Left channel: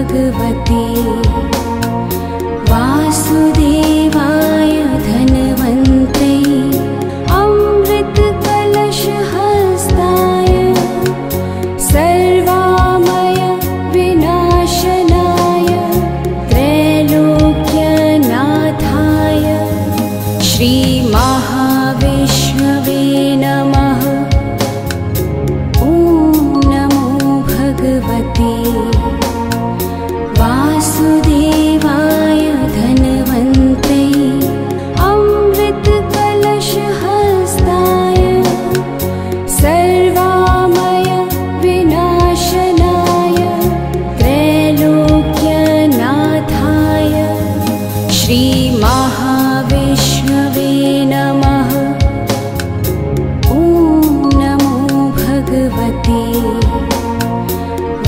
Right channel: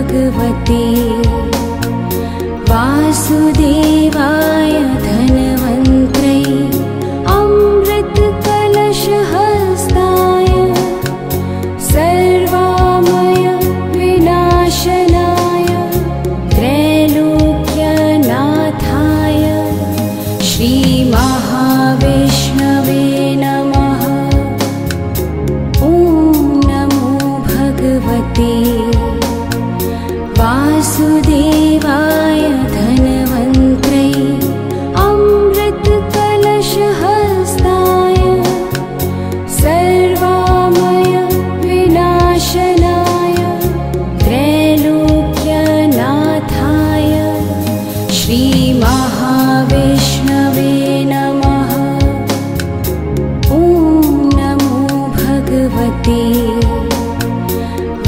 भगवते वासुदेवाय धनवन्ते अमृतकलशहस्ताय सर्वामय विनाशनाय त्रैलोक्यनाथाय श्रीमहाविष्णवे नमः। ॐ नमो भगवते वासुदेवाय धनवन्ते अमृतकलशहस्ताय सर्वामय विनाशनाय त्रैलोक्यनाथाय श्रीमहाविष्णवे नमः। ॐ नमो भगवते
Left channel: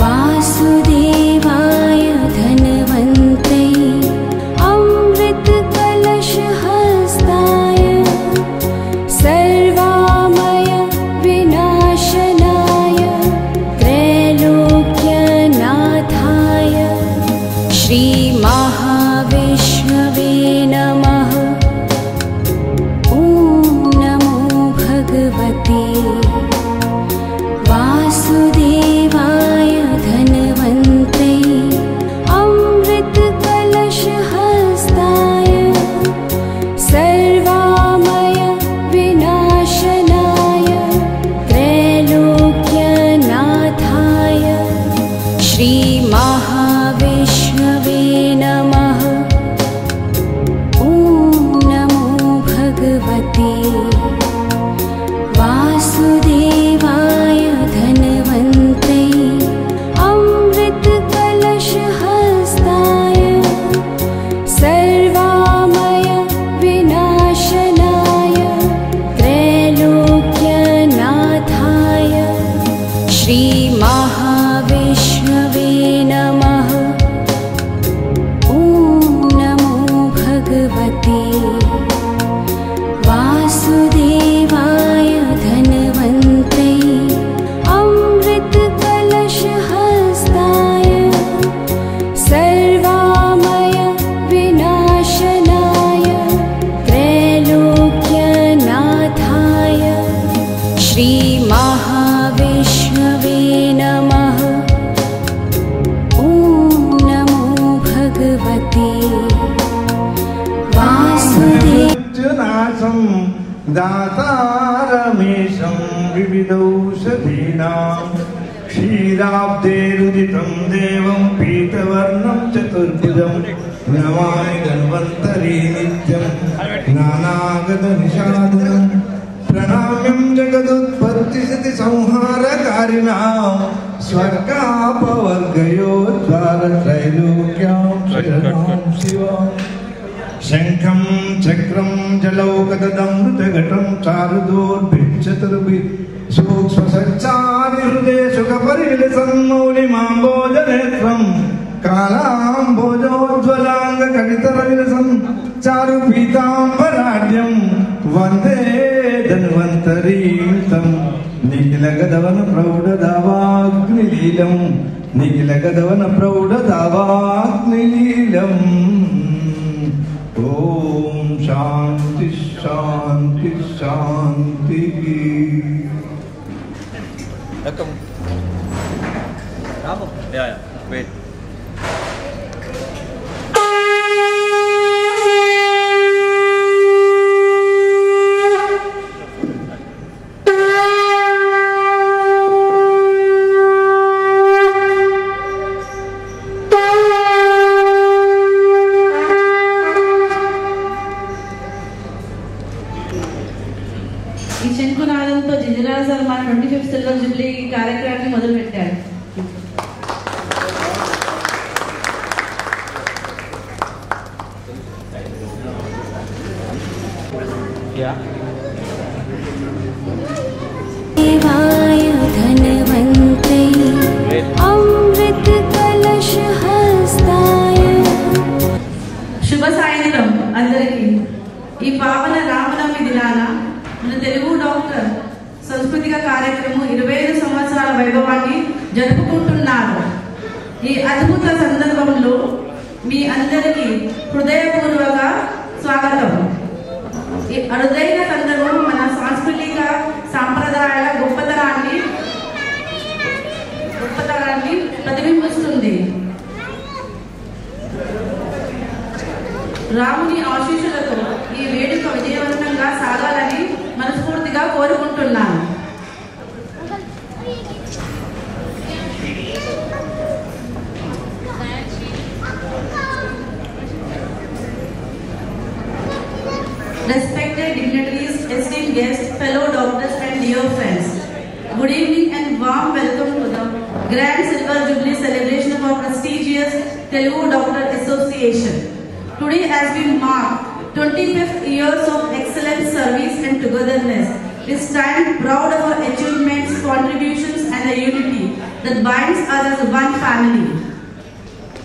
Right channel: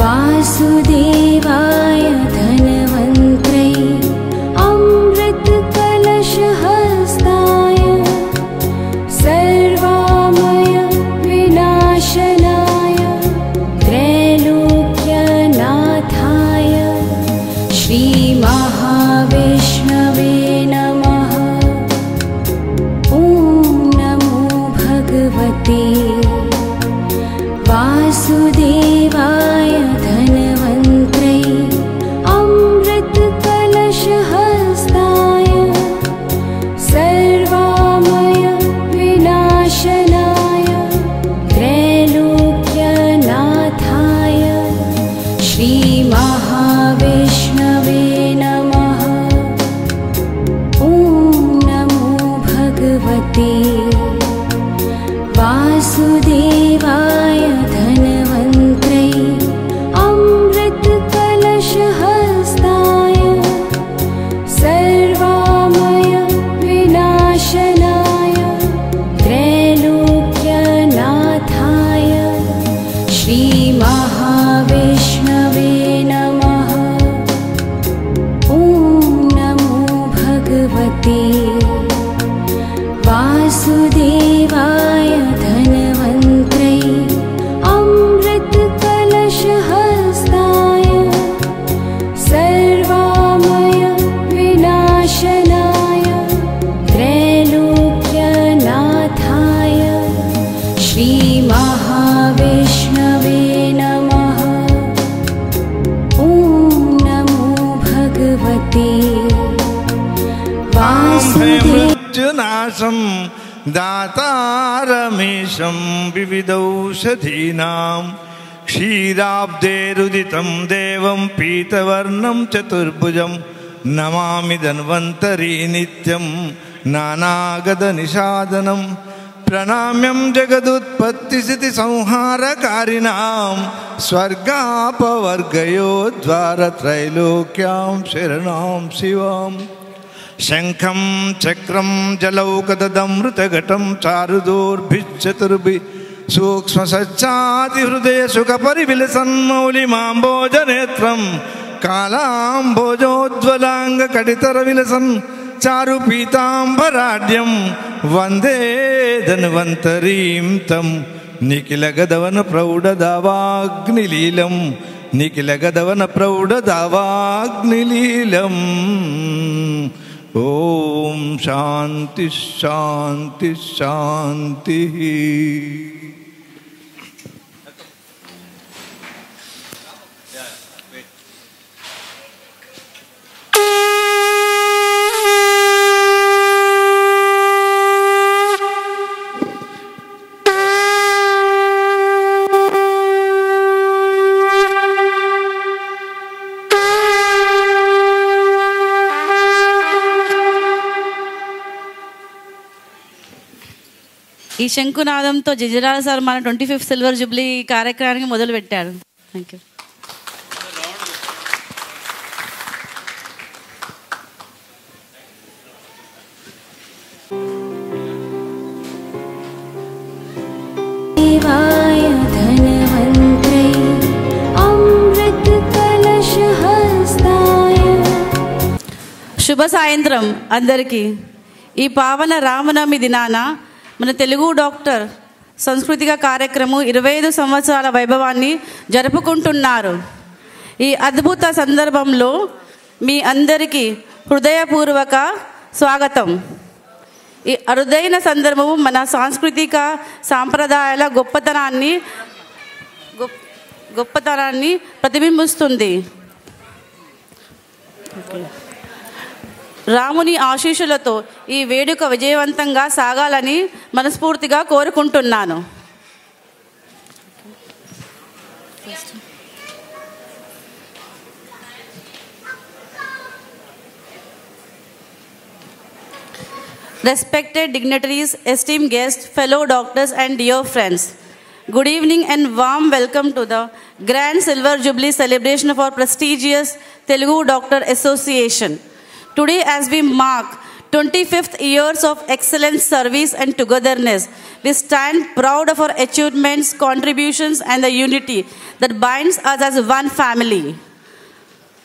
वासुदेवाय धनवन्ते अमृतकलशहस्ताय सर्वामय विनाशनाय त्रैलोक्यनाथाय श्रीमहाविष्णवे नमः। ॐ नमो भगवते वासुदेवाय धनवन्ते अमृतकलशहस्ताय सर्वामय विनाशनाय त्रैलोक्यनाथाय श्रीमहाविष्णवे नमः। ॐ नमो भगवते वासुदेवाय धनवन्ते अमृतकलशहस्ताय सर्वामय विनाशनाय त्रैलोक्यनाथाय श्रीमहाविष्णवे नमः। ॐ नमो भगवते वासुदेवाय धनवन्ते अमृतकलशहस्ताय सर्वामय विनाशनाय त्रैलोक्यनाथाय श्रीमहाविष्णवे नमः। ॐ नमो भगवते नाशं दातारमेशं विविधौषधीनां क्षीराब्धेरुदितं देवं पीतवर्णं चतुर्भुजं नमामि धन्वन्तरी नित्यं नानागतनिषादनं प्रणम्यं जगदुत्पत्तिस्थितिसंहारकारिणां स्वर्गापवर्गयोद्वारत्रैलोक्यां शरणां शिवाम् शंखं चक्रं जलौकदमृतघटं चारुदूर्भिश्चतुर्भिः सूक्ष्मसच्चादिहृदय सुखपरिविलसन्मौलिमाम्बोजनेत्रं कालाम्बोजोज्ज्वलाङ्गकटितरविलसन् चारुपीताम्बराढ्यं वन्दे धन्वन्तरीं तं निखिलगदवनप्रौढदावाग्निलीलं निखिलगदवनप्रौढदावाग्निलीलम्। ओम शांति शांति शांति। ఈ శంకునాదంతో జిజరాల సార్ మన 25th సిల్వర్ జూబ్లీ కార్యక్రమాన్ని మొదలుపెట్టాడు. देवाय धनवन्ते अमृतकलशहस्ताय। శుభ సాయంత్రం అందరికీ. ఈ పావన రామనవమి దినాన మన తెలుగు డాక్టర్ సాంస్కృతిక కార్యక్రమం 25 సంవత్సరాల వైభవాన్ని జరుపుకుంటున్నారు. ఈ అద్భుత సందర్భంలో మీ అందరికీ హృదయపూర్వక స్వాగతం. ఈ అరుదైన సందర్భం మన సాంస్కృతిక సాంప్రదాయాల గొప్పతనాన్ని ప్రతిబింబిస్తుంది. రాముని ఆశీస్సులతో ఈ వేడుక విజయవంతంగా సాగాలని మనస్ఫూర్తిగా కోరుకుంటున్నాను. Respected dignitaries, esteemed guests, fellow doctors and dear friends, good evening and warm welcome to the Grand Silver Jubilee celebration of our prestigious Telugu Doctor Association. Today, as we mark 25th years of excellent service and togetherness, we stand proud of our achievements, contributions and the unity that binds us as one family.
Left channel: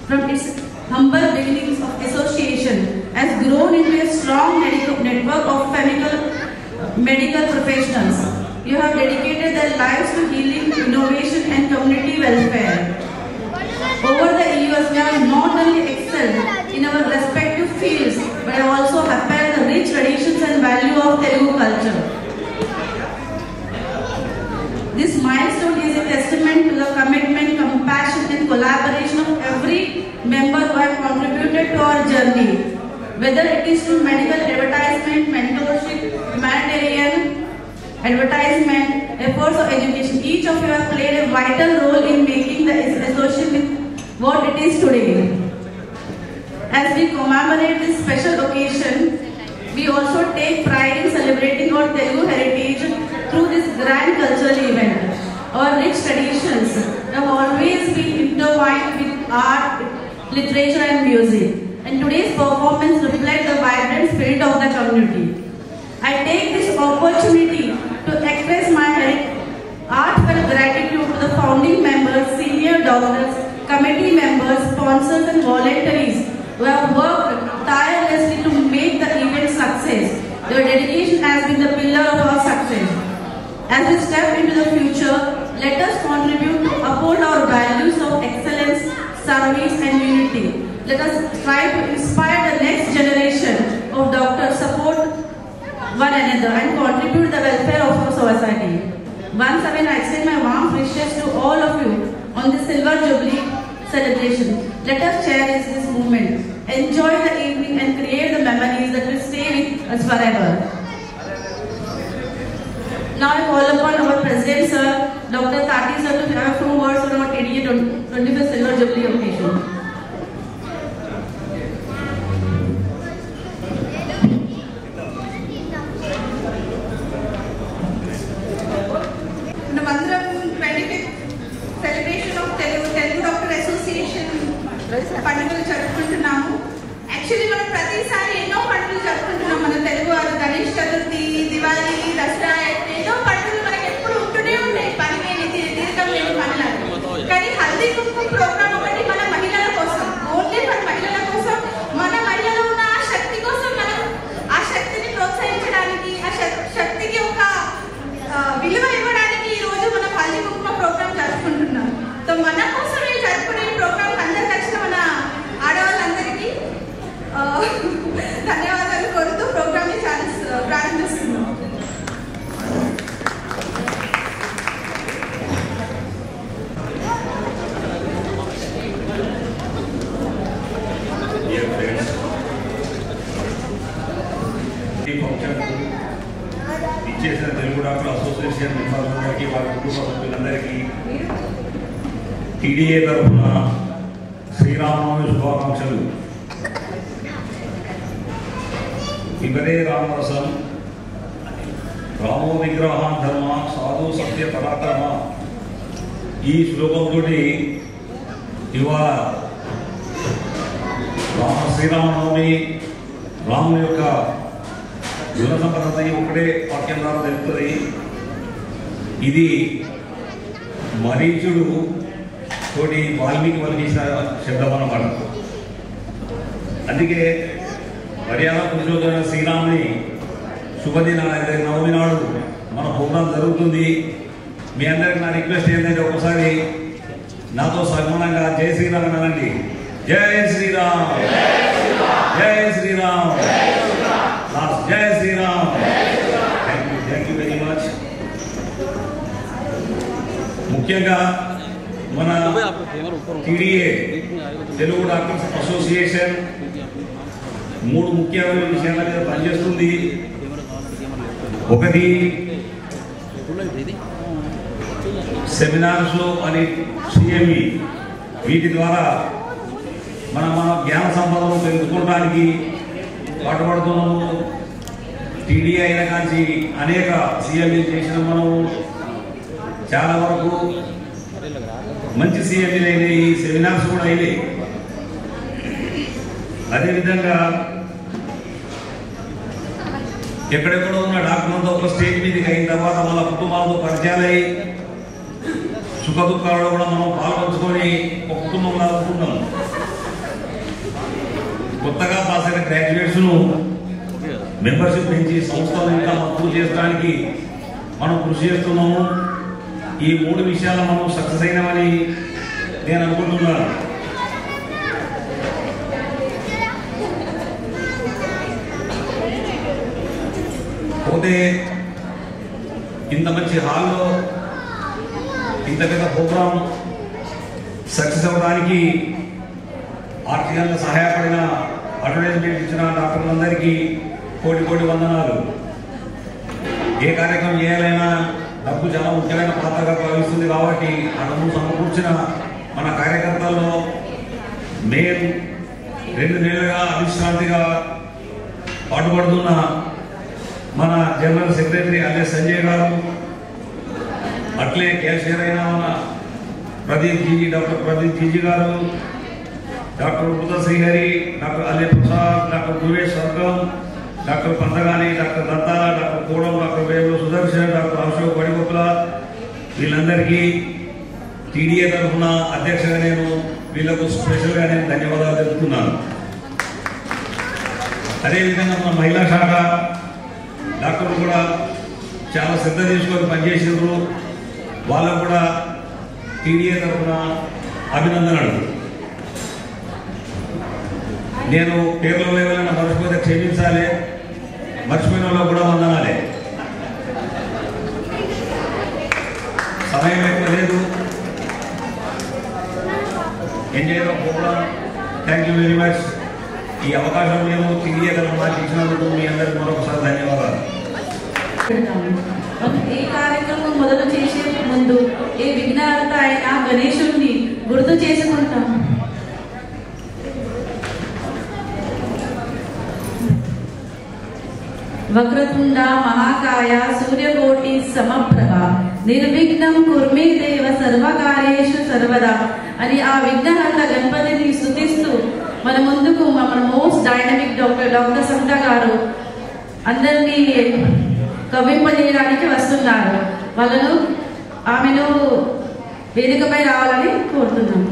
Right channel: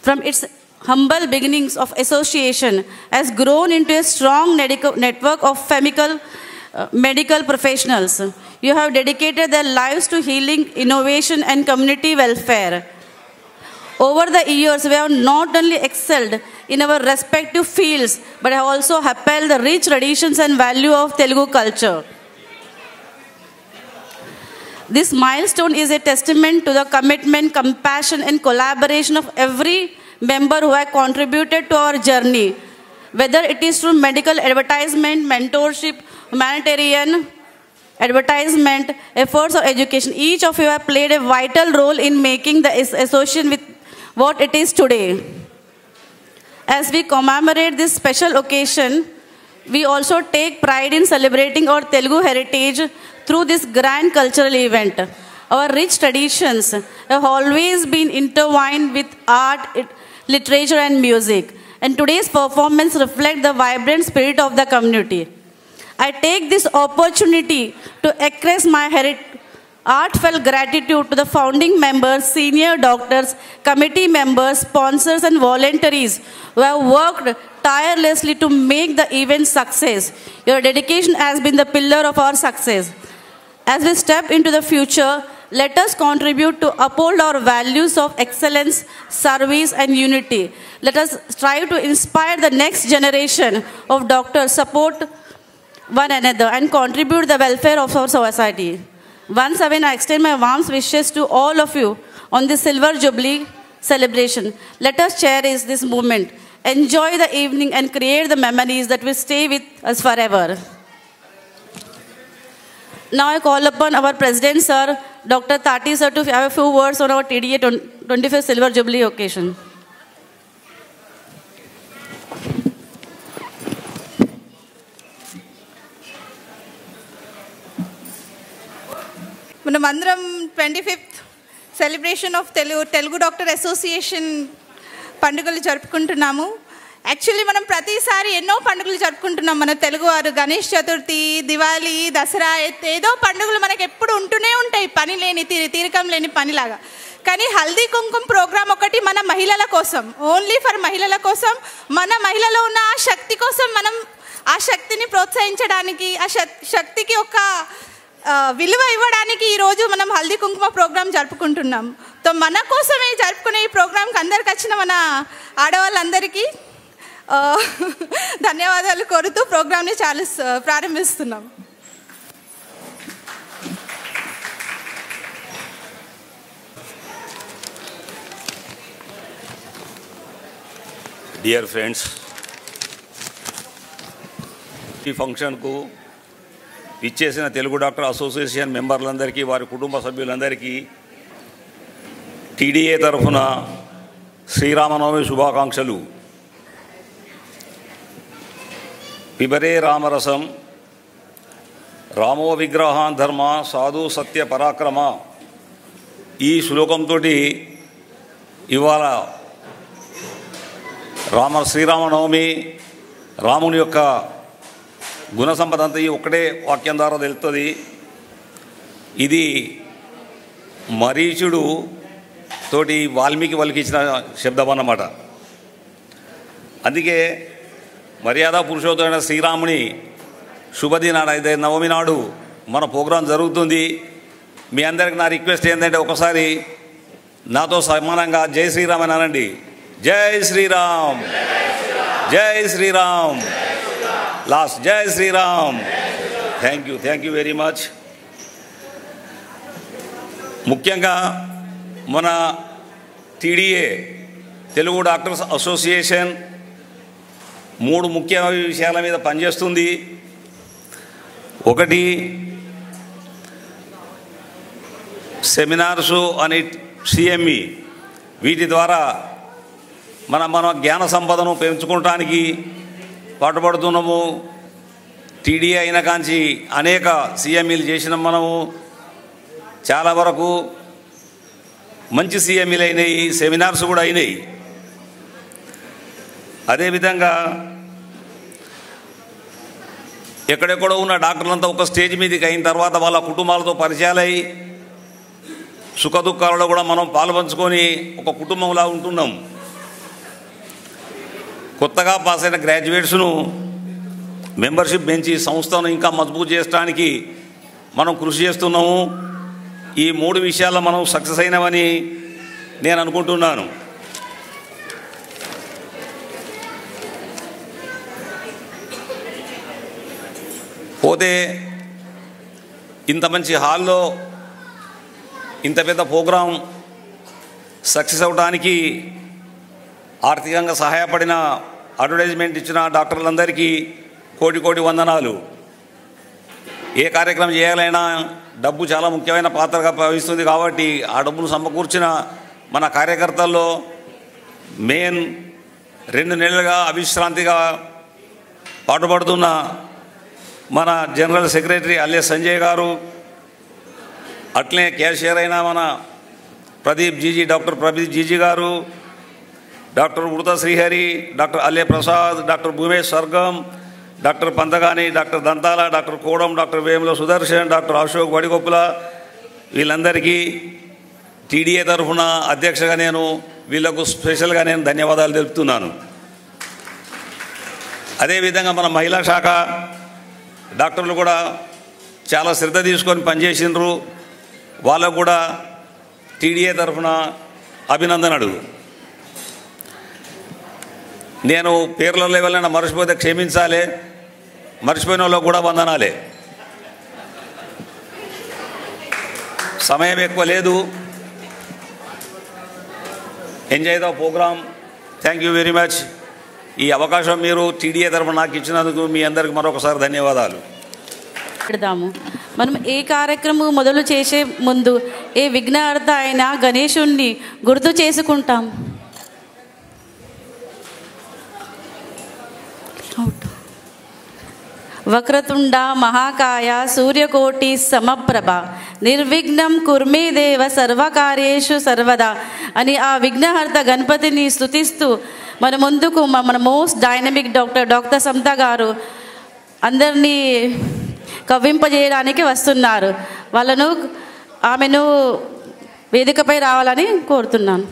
From its humble beginnings of association has grown into a strong network of medical professionals. You have dedicated their lives to healing, innovation and community welfare. Over the years, we have not only excelled in our respective fields, but have also upheld the rich traditions and value of Telugu culture. This milestone is a testament to the commitment, compassion and collaboration of every member who have contributed to our journey. Whether it is through medical advertisement, mentorship, humanitarian advertisement, efforts of education, each of you have played a vital role in making the association with what it is today. As we commemorate this special occasion, we also take pride in celebrating our Telugu heritage through this grand cultural event. Our rich traditions have always been intertwined with art, literature and music, and today's performance reflects the vibrant spirit of the community. I take this opportunity to express my heartfelt gratitude to the founding members, senior doctors, committee members, sponsors and volunteers who have worked tirelessly to make the event success. Your dedication has been the pillar of our success. As we step into the future, let us contribute to uphold our values of excellence, service and unity. Let us try to inspire the next generation of doctors, support one another and contribute to the welfare of our society. Once again, I extend my warm wishes to all of you on this Silver Jubilee celebration. Let us cherish this moment, enjoy the evening and create the memories that will stay with us forever. Now I call upon our President Sir, Dr. Tati Sir, to have a few words on our TDA 25th Silver Jubilee occasion. మనమందరం 25th celebration of Telugu doctor association పండుగలు జరుపుకుంటున్నాము. Actually మనం ప్రతిసారి ఎన్నో పండుగలు జరుపుకుంటున్నాం. మన తెలుగువారు గణేష్ చతుర్థి, దివాళీ, దసరా, ఏదో పండుగలు మనకు ఎప్పుడు ఉంటూనే ఉంటాయి, పని లేని తీరికం లేని పనిలాగా. కానీ హల్దీ కుంకుమ ప్రోగ్రామ్ ఒకటి మన మహిళల కోసం, ఓన్లీ ఫర్ మహిళల కోసం, మన మహిళలో ఉన్న ఆ శక్తి కోసం, మనం ఆ శక్తిని ప్రోత్సహించడానికి, ఆ శక్తికి ఒక విలువ ఇవ్వడానికి ఈరోజు మనం హల్దీ కుంకుమ ప్రోగ్రామ్ జరుపుకుంటున్నాం. సో మన కోసమే జరుపుకునే ఈ ప్రోగ్రామ్కి అందరికి వచ్చిన మన ఆడవాళ్ళందరికీ ధన్యవాదాలు కోరుతూ ప్రోగ్రామ్ని ప్రారంభిస్తున్నాం. డియర్ ఫ్రెండ్స్, ఈ ఫంక్షన్కు ఇచ్చేసిన తెలుగు డాక్టర్ అసోసియేషన్ మెంబర్లందరికీ, వారి కుటుంబ సభ్యులందరికీ టీడీఏ తరఫున శ్రీరామనవమి శుభాకాంక్షలు. పిబరే రామరసం రామో విగ్రహాన్ ధర్మ సాధు సత్య పరాక్రమ, ఈ శ్లోకంతో ఇవాళ శ్రీరామనవమి, రాముని యొక్క గుణ సంపద అంతా ఒకటే వాక్యం ద్వారా తెలుస్తుంది. ఇది మరీచుడు తోటి వాల్మీకి పలికించిన శబ్దం అన్నమాట. అందుకే మర్యాద పురుషోత్తమైన శ్రీరాముని శుభదినాలు అయితే నవమి నాడు మన ప్రోగ్రాం జరుగుతుంది. మీ అందరికి నా రిక్వెస్ట్ ఏంటంటే ఒకసారి నాతో సమానంగా జై శ్రీరామ్ అని అనండి. జై శ్రీరామ్, జై Shriram, last Jai Shriram. Thank you very much. ముఖ్యంగా మన టీడీఏ తెలుగు డాక్టర్స్ అసోసియేషన్ 3 ముఖ్య విషయాల మీద పనిచేస్తుంది. ఒకటి సెమినార్స్ అని సిఎంఈ, వీటి ద్వారా మన జ్ఞాన సంపదను పెంచుకోవడానికి పాటుపడుతున్నాము. టీడీఏ అయిన కాంచి అనేక సిఎంఈలు చేసినాం. మనము చాలా వరకు మంచి సిఎంఈలు అయినాయి, సెమినార్స్ కూడా అయినాయి. అదేవిధంగా ఎక్కడెక్కడ ఉన్న డాక్టర్లంతా ఒక స్టేజ్ మీదకి అయిన తర్వాత వాళ్ళ కుటుంబాలతో పరిచయాలై సుఖ దుఃఖాలలో కూడా మనం పాల్పంచుకొని ఒక కుటుంబంలా ఉంటున్నాం. కొత్తగా పాస్ అయిన గ్రాడ్యుయేట్స్ను మెంబర్షిప్ పెంచి సంస్థను ఇంకా మజబూత్ చేయడానికి మనం కృషి చేస్తున్నాము. ఈ 3 విషయాల్లో మనం సక్సెస్ అయినామని నేను అనుకుంటున్నాను. పోతే ఇంత మంచి హాల్లో ఇంత పెద్ద ప్రోగ్రాం సక్సెస్ అవ్వడానికి ఆర్థికంగా సహాయపడిన, అడ్వర్టైజ్మెంట్ ఇచ్చిన డాక్టర్లందరికీ కోటి వందనాలు. ఏ కార్యక్రమం చేయాలైనా డబ్బు చాలా ముఖ్యమైన పాత్రగా భావిస్తుంది. కాబట్టి ఆ డబ్బును సమకూర్చిన మన కార్యకర్తల్లో మెయిన్ 2 నెలలుగా అవిశ్రాంతిగా పాటుపడుతున్న మన జనరల్ సెక్రటరీ అల్లె సంజయ్ గారు, అట్లే క్యాషియర్ అయిన మన డాక్టర్ ప్రదీప్ జీజీ గారు, డాక్టర్ వృత Srihari, doctor Alle Prasad, doctor Bhuvesh Sargam, doctor Panthagani, doctor Dantala, doctor Kodam, doctor Vemula Sudarshan, doctor Ashok Vadigoppula, వీళ్ళందరికీ టీడీఏ తరఫున అధ్యక్షగా వీళ్ళకు స్పెషల్గా ధన్యవాదాలు తెలుపుతున్నాను. అదేవిధంగా మన మహిళా శాఖ డాక్టర్లు కూడా చాలా శ్రద్ధ తీసుకొని పనిచేసిండ్రు. వాళ్ళకు కూడా టీడీఏ తరఫున అభినందనలు. నేను పేర్లలో ఎవరైనా మర్చిపోతే క్షమించాలి, మర్చిపోయిన వాళ్ళకు కూడా వందనాలే. సమయం ఎక్కువ లేదు. Enjoy the programme. Thank you very much. ఈ అవకాశం మీరు టీడీఏ తరఫున నాకు ఇచ్చినందుకు మీ అందరికి మరొకసారి ధన్యవాదాలు. మనం ఏ కార్యక్రమం మొదలు చేసే ముందు ఏ విఘ్నహర్త అయిన గణేశుణ్ణి గుర్తు చేసుకుంటాం. వక్రతుండ మహాకాయ సూర్యకోటి సమప్రభ నిర్విఘ్నం కుర్మే దేవ సర్వకార్యేషు సర్వదా అని ఆ విఘ్నహర్త గణపతిని స్తుతిస్తూ మన ముందుకు మన మోస్ట్ డైనమిక్ డాక్టర్ సంత గారు అందరినీ కవ్వింపజేయడానికి వస్తున్నారు. ఆమెను వేదికపై రావాలని కోరుతున్నాను.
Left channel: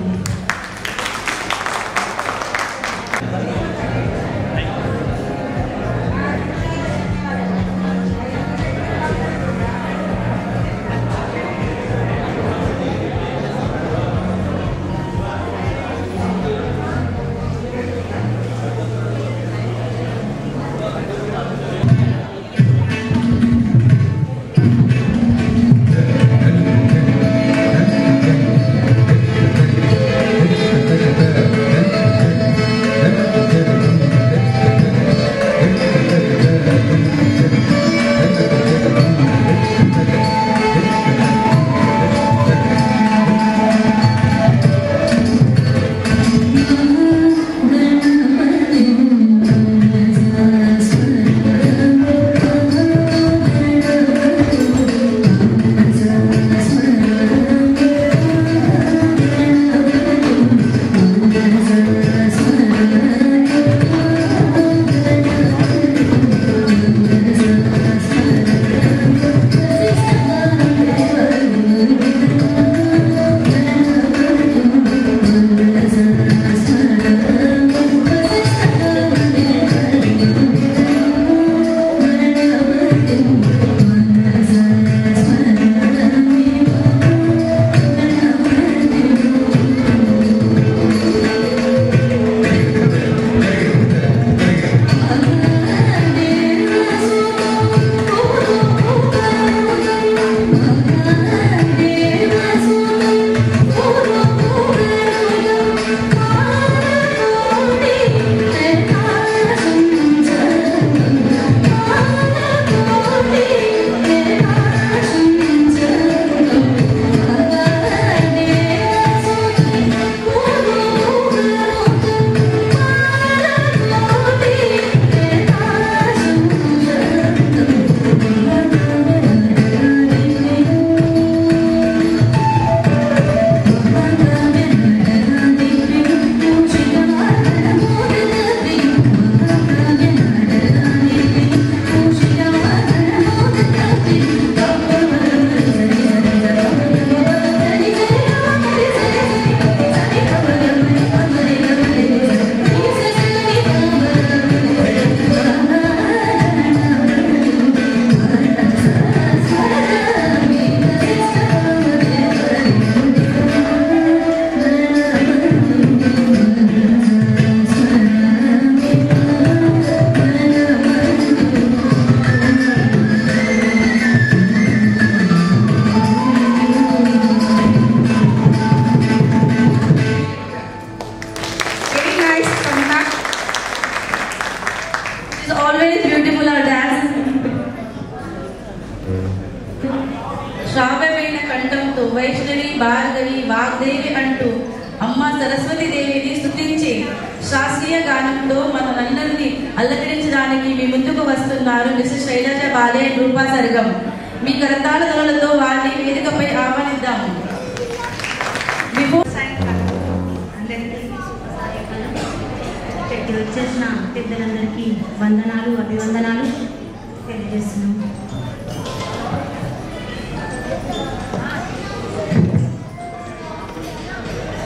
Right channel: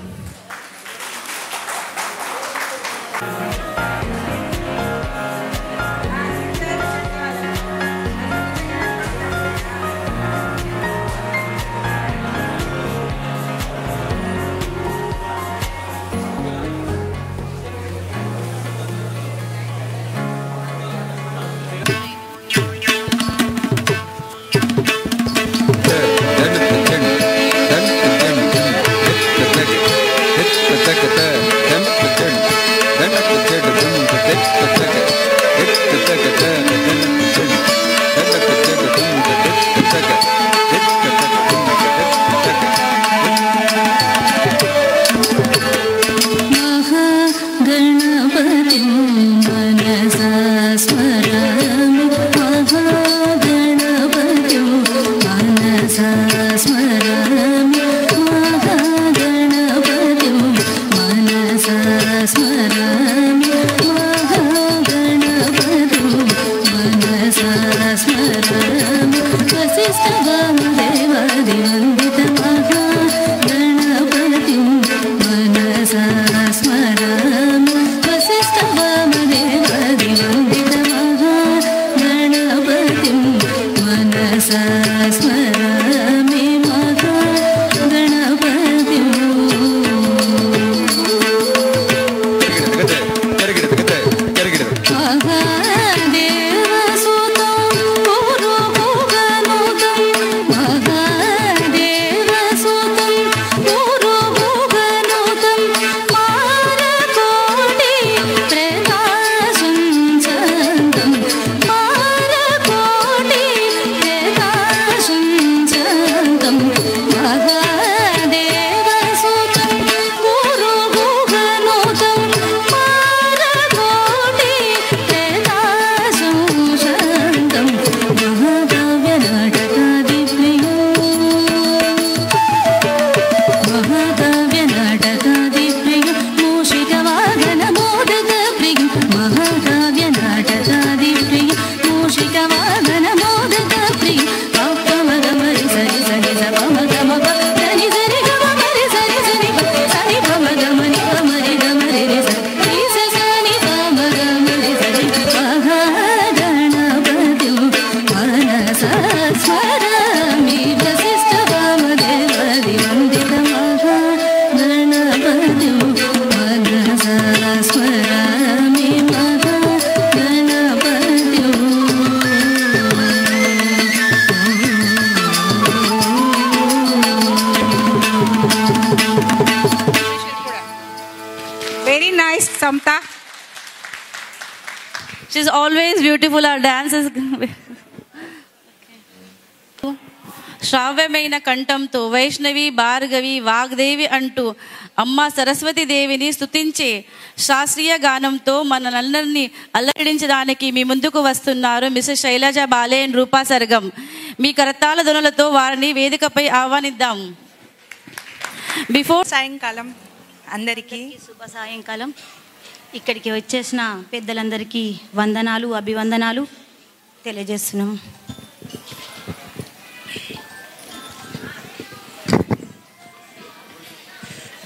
మధురమైన కంఠంతో వైష్ణవి, భార్గవి, వాగ్దేవి అంటూ అమ్మ సరస్వతి దేవిని స్తుతించి శాస్త్రీయ గానంతో మనలందరినీ అల్లకడించడానికి మీ ముందుకు వస్తున్నారు మిస్సెస్ శైలజ బాలే రూపా సర్గం. మీ కరతాళ ధ్వనులతో వారిని వేదికపై ఆహ్వానిద్దాము. సాయంకాలం అందరికీ సాయంకాలం ఇక్కడికి వచ్చేసిన పెద్దలందరికీ వందనాలు, అభివందనాలు తెలియజేస్తున్నాం.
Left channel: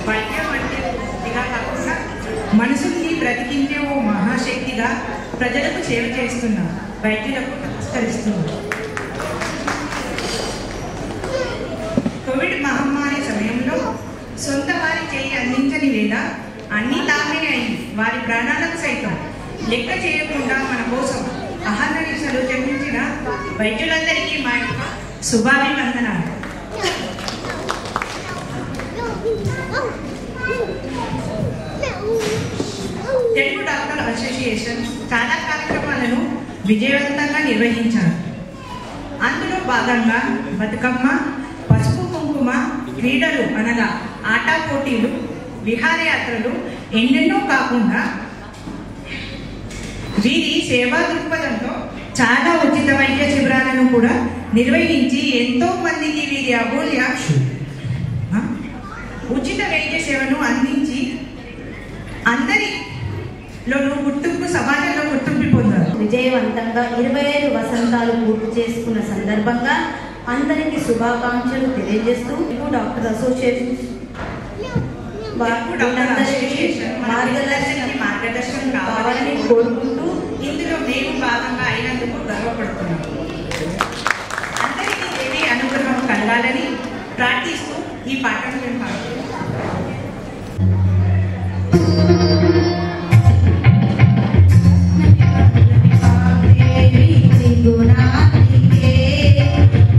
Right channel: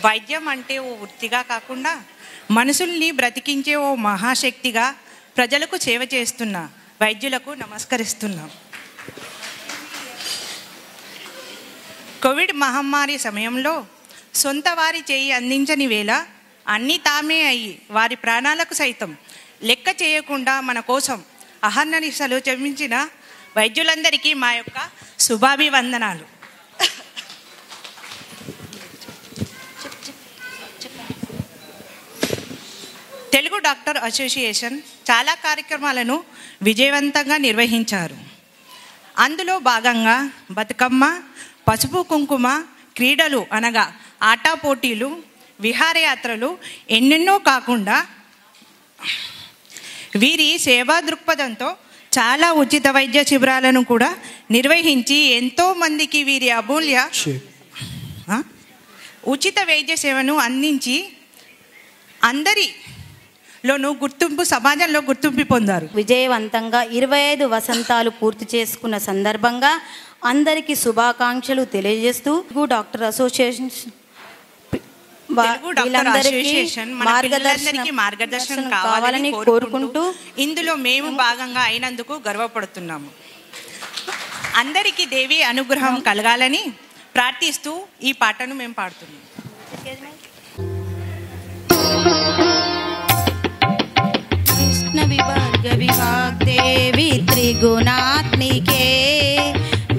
వైద్యం అంటే ఓ వృత్తిగా కాకుండా మనుషుల్ని బ్రతికించే ఓ మహాశక్తిగా ప్రజలకు సేవ చేస్తున్న వైద్యులకు నమస్కరిస్తున్నాం. కోవిడ్ మహమ్మారి సమయంలో సొంత వారి చేయి అందించని వేళ అన్నీ తామే అయి వారి ప్రాణాలకు సైతం లెక్క చేయకుండా మన కోసం అహర్నిశలు జపించిన వైద్యులందరికీ మా యొక్క శుభాభివందనాలు. తెలుగు డాక్టర్ అసోసియేషన్ చాలా కార్యక్రమాలను విజయవంతంగా నిర్వహించారు. అందులో భాగంగా బతుకమ్మ, పసుపు కుంకుమ, క్రీడలు అనగా ఆటా పోటీలు, విహారయాత్రలు ఎన్నెన్నో కాకుండా వీరి సేవా దృక్పథంతో చాలా ఉచిత వైద్య శిబిరాలను కూడా నిర్వహించి ఎంతోమందికి వీరి అమూల్య ఉచిత వైద్య సేవను అందించి అందరిలోనూ సమాజంలో గుర్తింపు పొందారు. విజయవంతంగా 25 వసంతాలు పూర్తి చేసుకున్న సందర్భంగా అందరికీ శుభాకాంక్షలు తెలియజేస్తూ డాక్టర్ అసోసియేషన్ మార్గదర్శనం కావాలని కోరుకుంటూ ఇందులో మేము భాగంగా అయినందుకు గర్వపడుతున్నాం. అందరికీ దేవి అనుగ్రహం కలగాలని ప్రార్థిస్తూ ఈ పాటను మేము పాడుతున్నాం. गुणात्मिके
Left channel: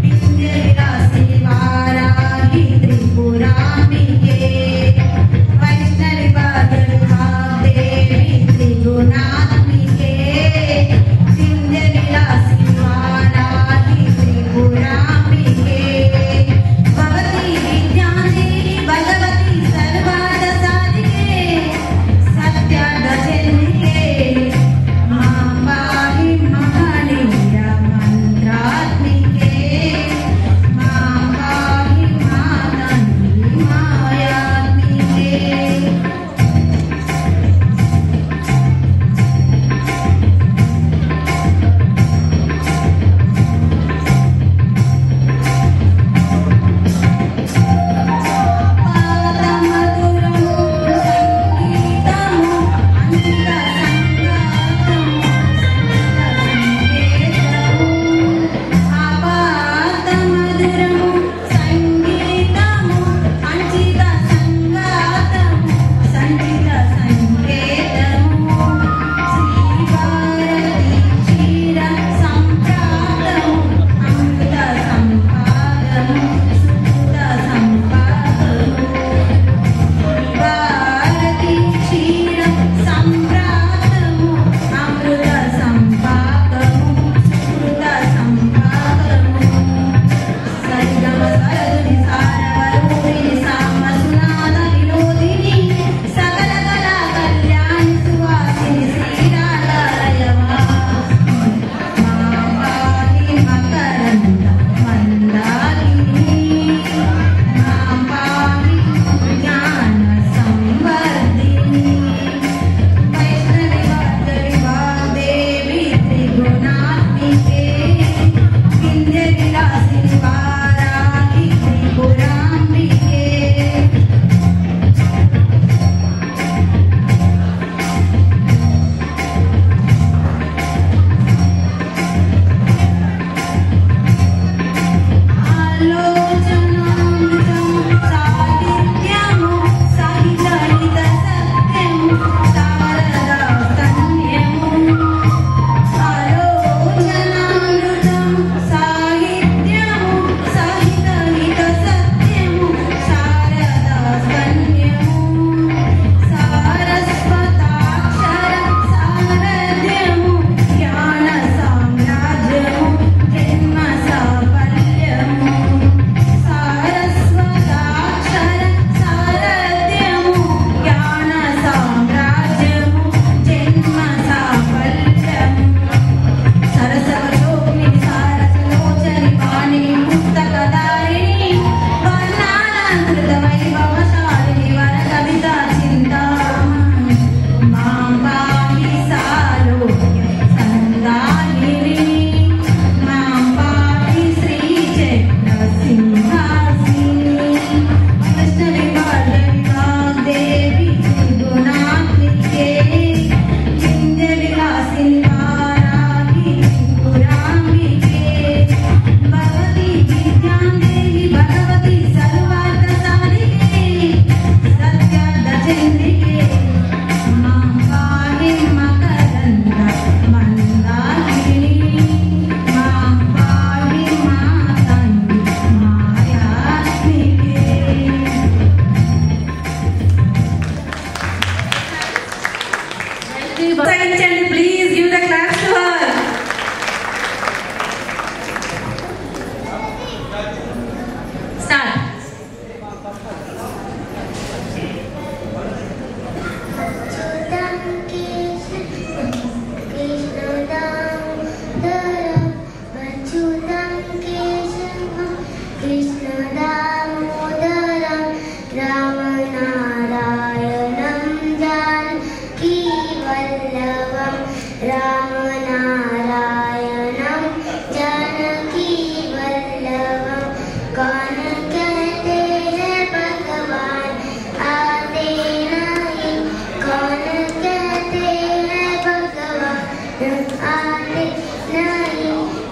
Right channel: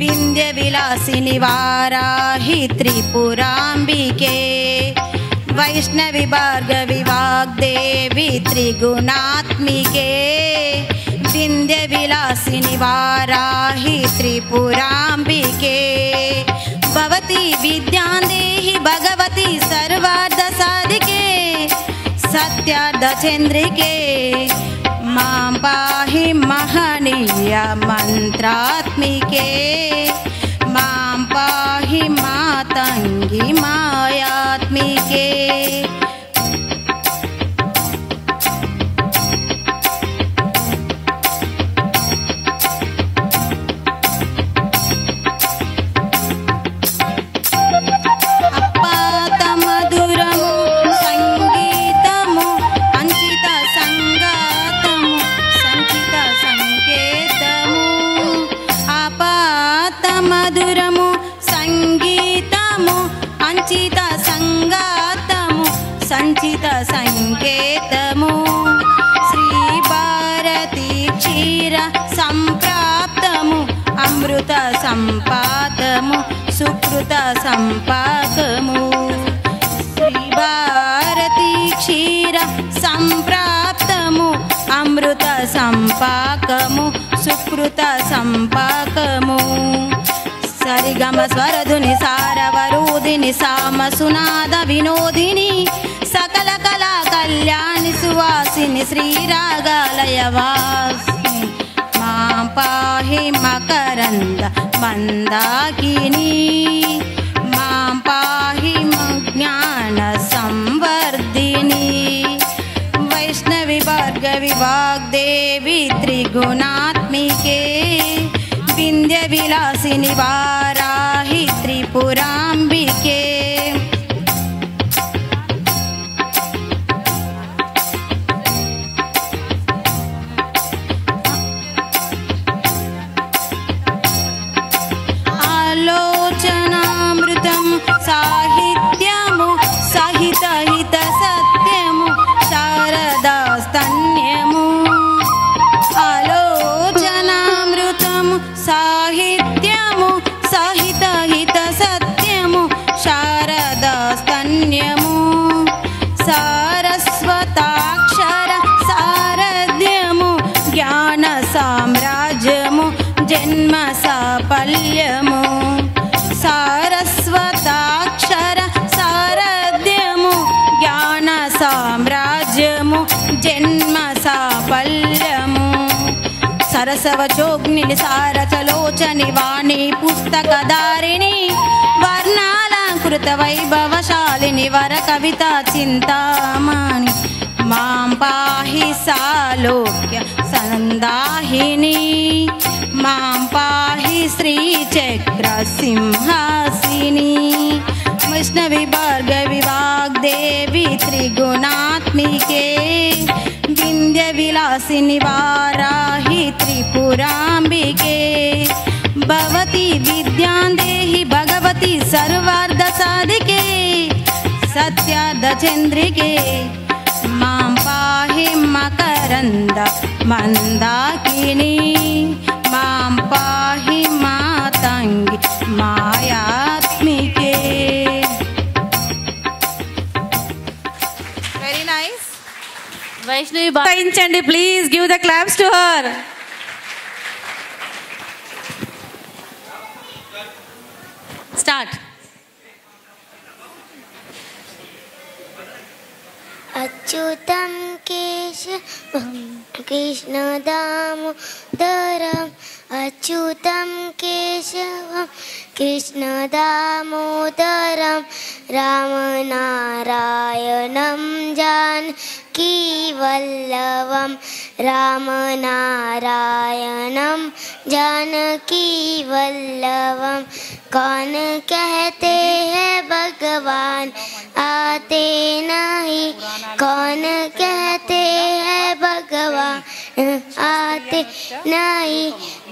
विंध्य विलासिनी वाराहि त्रिपुरांबिके वैष्णवी भार्गवी वाग्देवी त्रिगुणात्मिके विंध्य विलासिनी वाराहि त्रिपुरांबिके भवती विद्यां देहि भगवती सर्वार्थ साधिके सत्यार्थ चंद्रिके मां पाहि महनीय मंत्र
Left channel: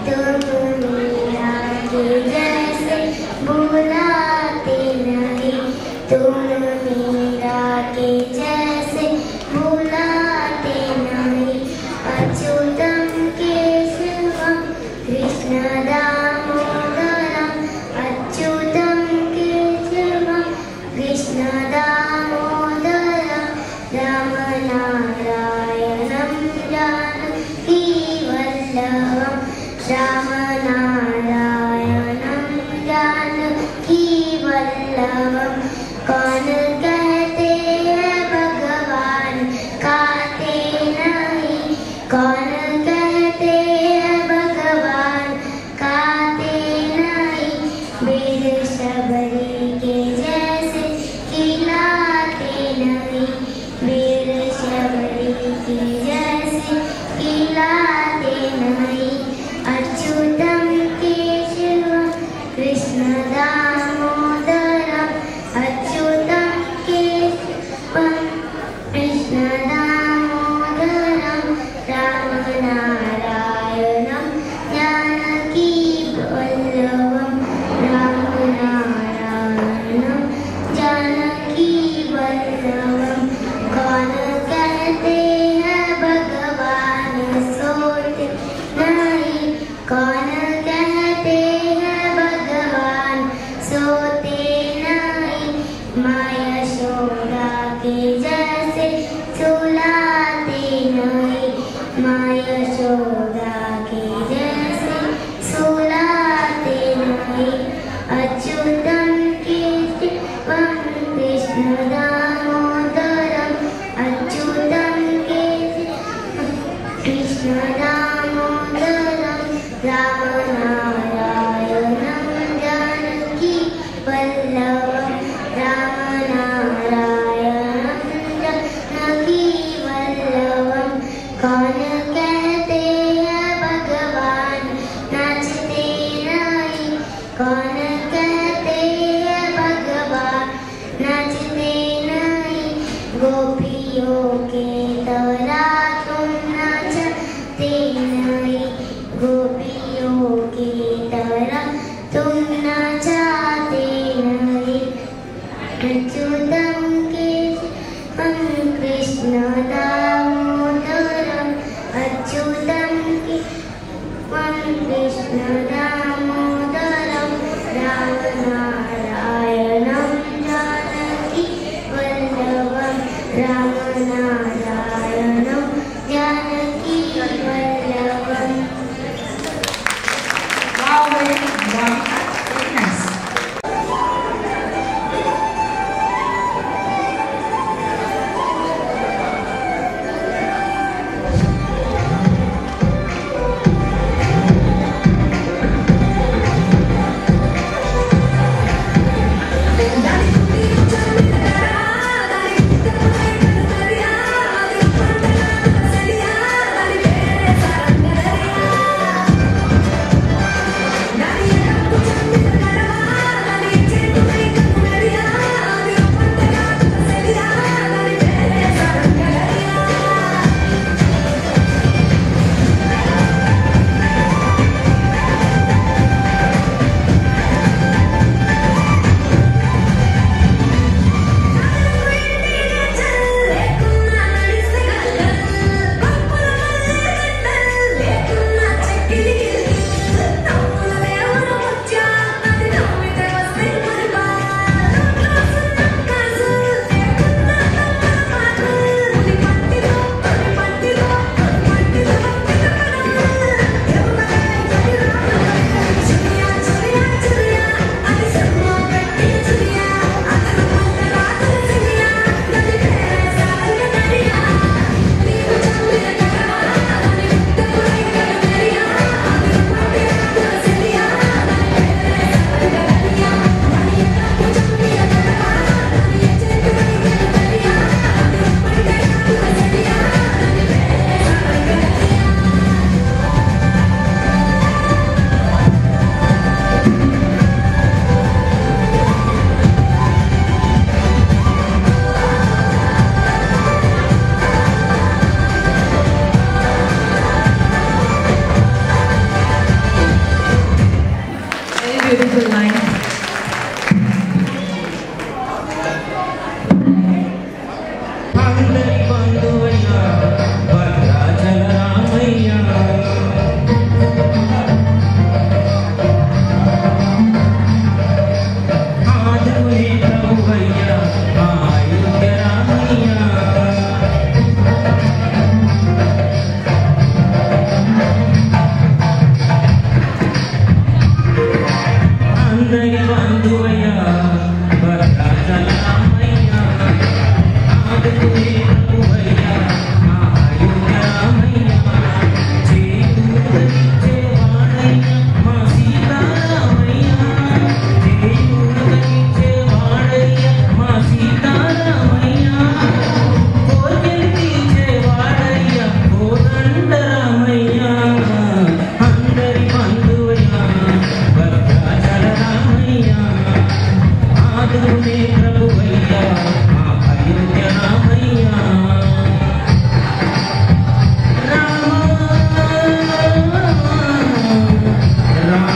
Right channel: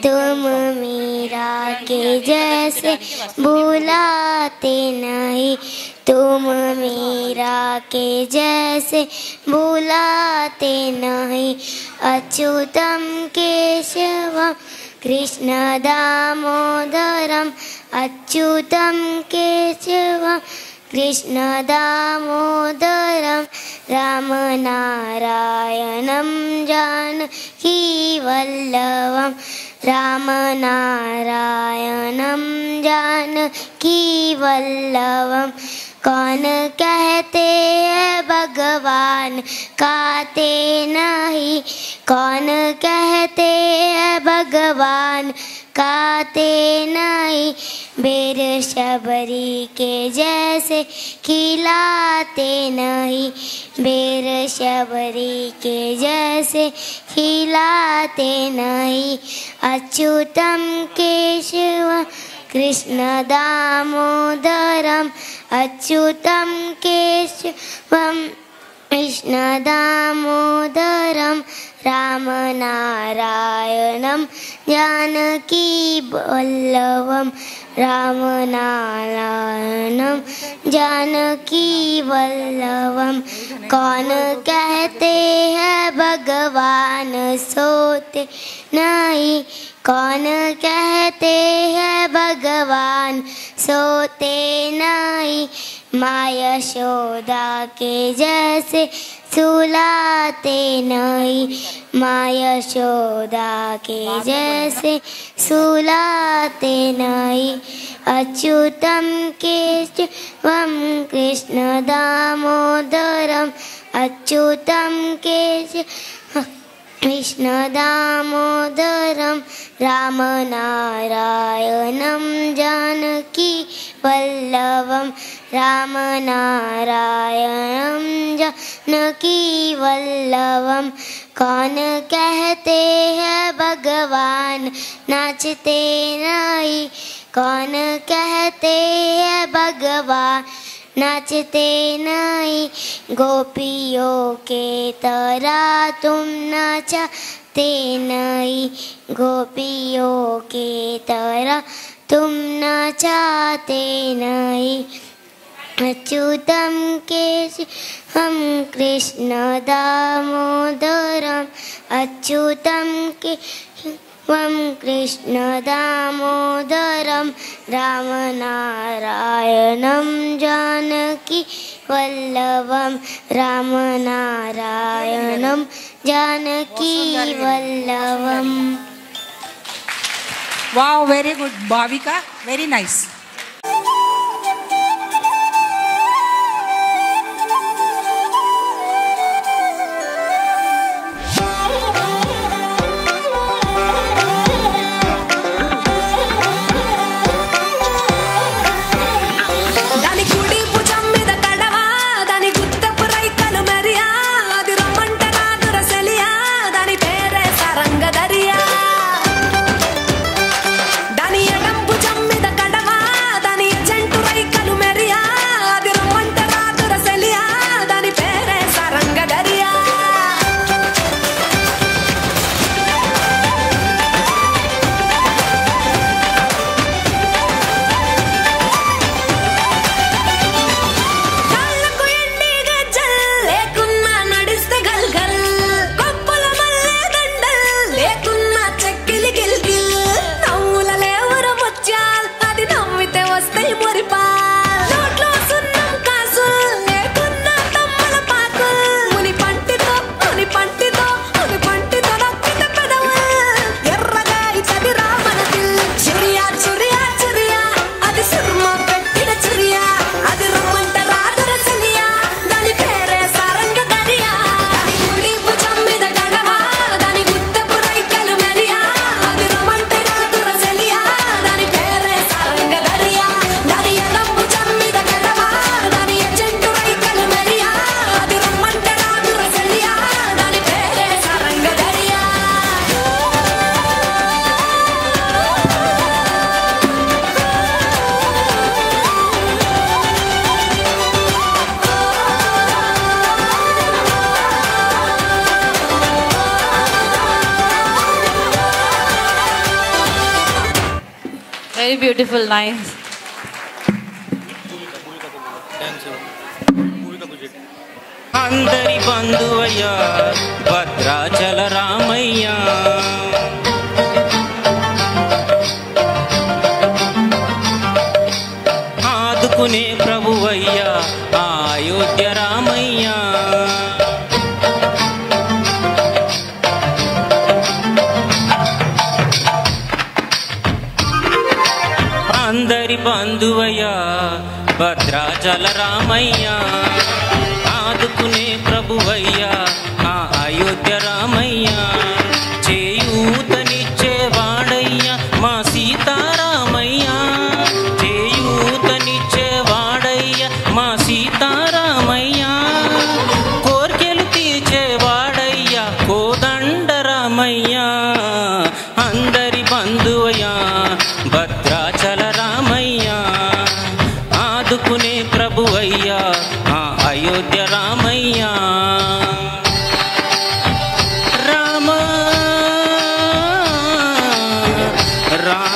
तुम मीरा के जैसे बुलाते नहीं, तुम मीरा के जैसे बुलाते नहीं। अच्युतम केशवम कृष्ण दामोदरम, अच्युतम केशवम कृष्ण दामोदरम, राम नारायणं जानकी वल्लभम, राम नारायणं जानकी वल्लभम। कौन कहते हैं भगवान काते नहीं, कौन कहते हैं भगवान काते नहीं। बेर शबरी के जैसे खिलाते नहीं, बेर शबरी के जैसे खिलाते नहीं। अच्युतम केशवम कृष्ण दामोदरम, अच्युतम केशवम कृष्ण दामोदरम, राम नारायणं जानकी वल्लभम, राम नारायणं जानकी वल्लभम। कौन कहते हैं भगवान सोते नहीं, कौन कहते हैं भगवान सोते नहीं। माँ यशोदा के जैसे सुलाते नहीं, माँ यशोदा के जैसे सुलाते नहीं। अच्युतम केशवम कृष्ण दामोदरम, अच्युतम केशवम कृष्ण दामोदरम, राम नारायणं जानकी वल्लभम, राम नारायणं जानकी वल्लभम। कौन कहते हैं भगवान नाचते नहीं, कौन कहते हैं भगवान नाचते नहीं। गोपियों के तरह तुम नाचते नहीं, गोपियों की तरह तुम नाचते नहीं। अच्युतम केशवम कृष्ण दामोदरम, अच्युतम केशवम कृष्ण दामोदरम, राम नारायणं जानकी वल्लभम, राम नारायणं Janaki Vallabham. Wow, very good, Bhavika, very nice. దాని ఎడంపు చమ్మిద కడవా beautiful lines. అందరి బంధువయ్యా భద్రాచల రామయ్య, ఆదుకునే ప్రభువయ్యా అయోధ్య రామయ్య. అందరి బంధువయ్యా భద్రాచల రామయ్య, ఆదుకునే ప్రభువయ్యా అయోధ్య రామయ్య. చేయూతనిచ్చేవాడయ్యా మా సీతారామయ్య, చేయూతనిచ్చేవాడయ్యా మా సీతారామయ్య. కోర్కెలు తీర్చేవాడయ్యా కోదండ రామయ్య. అందరి బంధువయ్యా భద్రాచల రామయ్య, ఆదుకునే ప్రభువయ్యా అయోధ్య రామయ్య. రామ రామ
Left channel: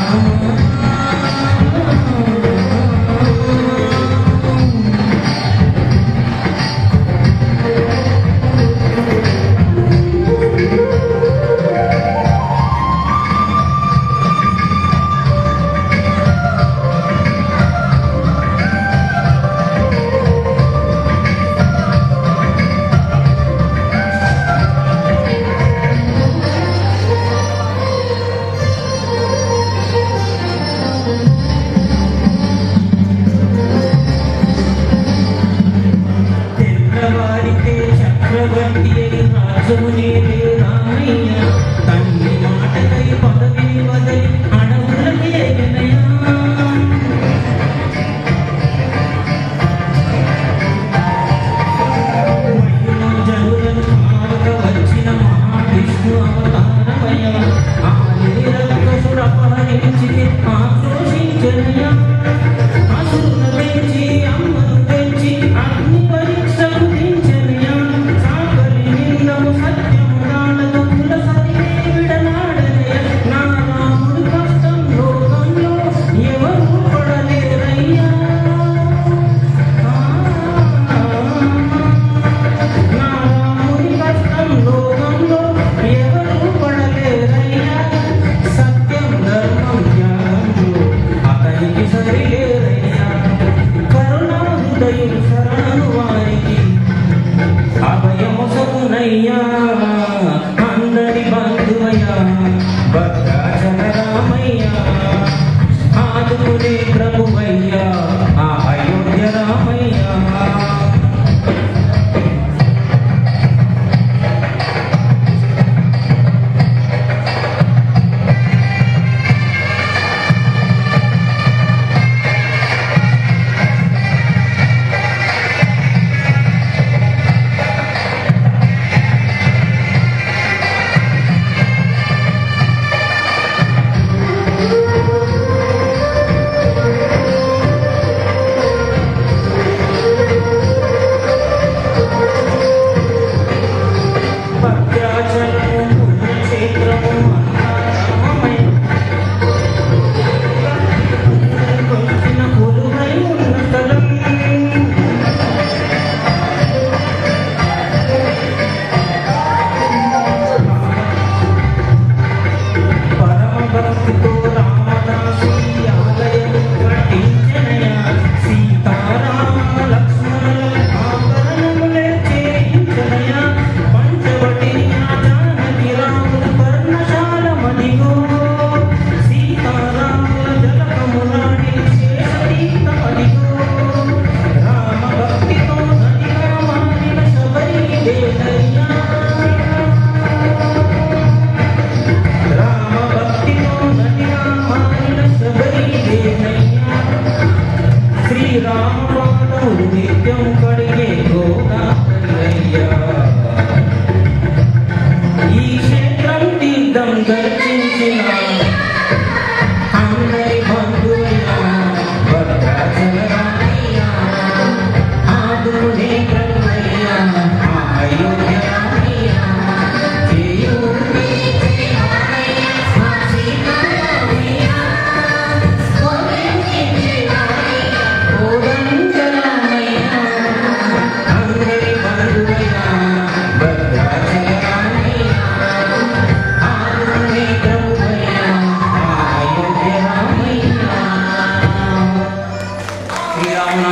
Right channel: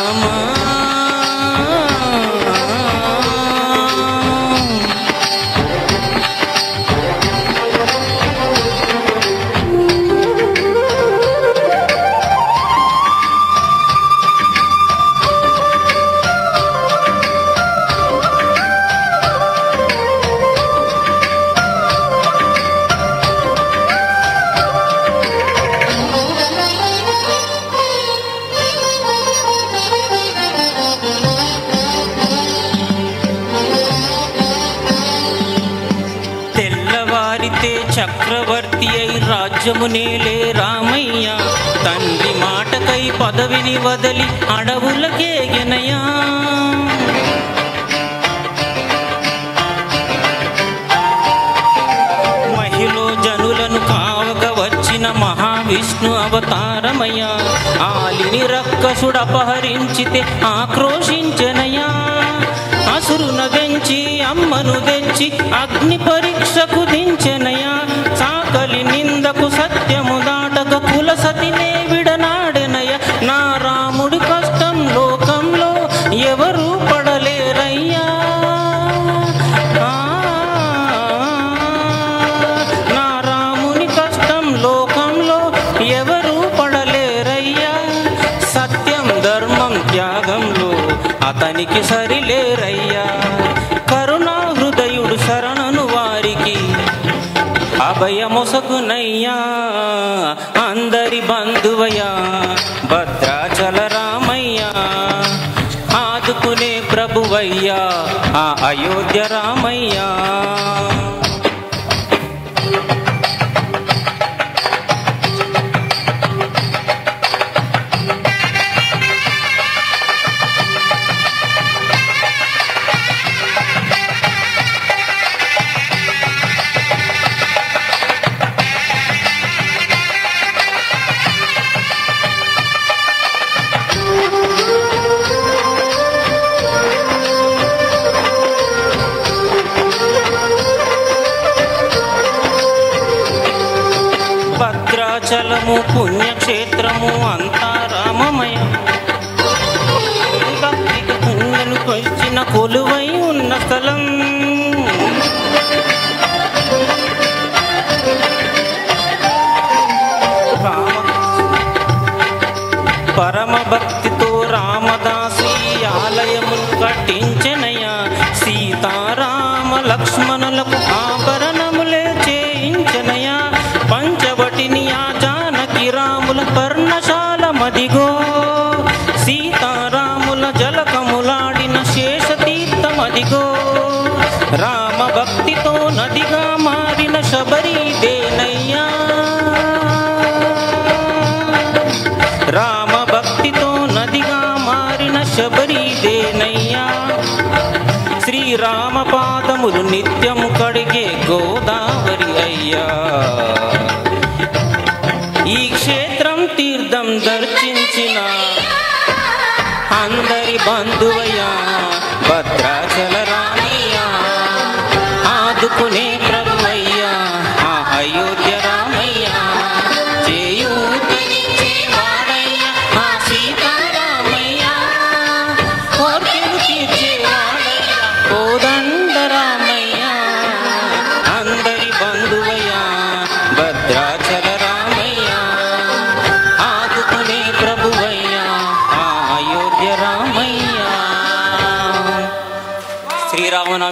తెల్లవారితే చక్రవర్తి అయి రాజ్యము నేలే రామయ్య. తండ్రి మాటకై పదవిని వదలి అడవులకేగినయా. మహిళ జనులను కావక వచ్చిన మహావిష్ణు అవతారమయ. ఆలిని రక్కసుడు అపహరించితే ఆక్రోశించనయా. అసురును తెంచి అమ్మను తెంచి అగ్ని పరీక్షకు దించెనయా. సాకలి నిందకు సత్యము దాటక కుల సతినే విడనాడెనయ. నా రాముడి కష్టం లోకంలో ఎవరు పడలేరయ్యా. నా రాముని కష్టం లోకంలో ఎవరు పడలేరయ్యా. సత్యం ధర్మం త్యాగంలో అతనికి సరిలేరయ్యా. కరుణా హృదయుడు శరణను వారికి అభయమొసగునయ్యా. అందరి బంధువయ్యా భద్రాచల రామయ్య, ఆదుకునే ప్రభువయ్యా అయోధ్య రామయ్య.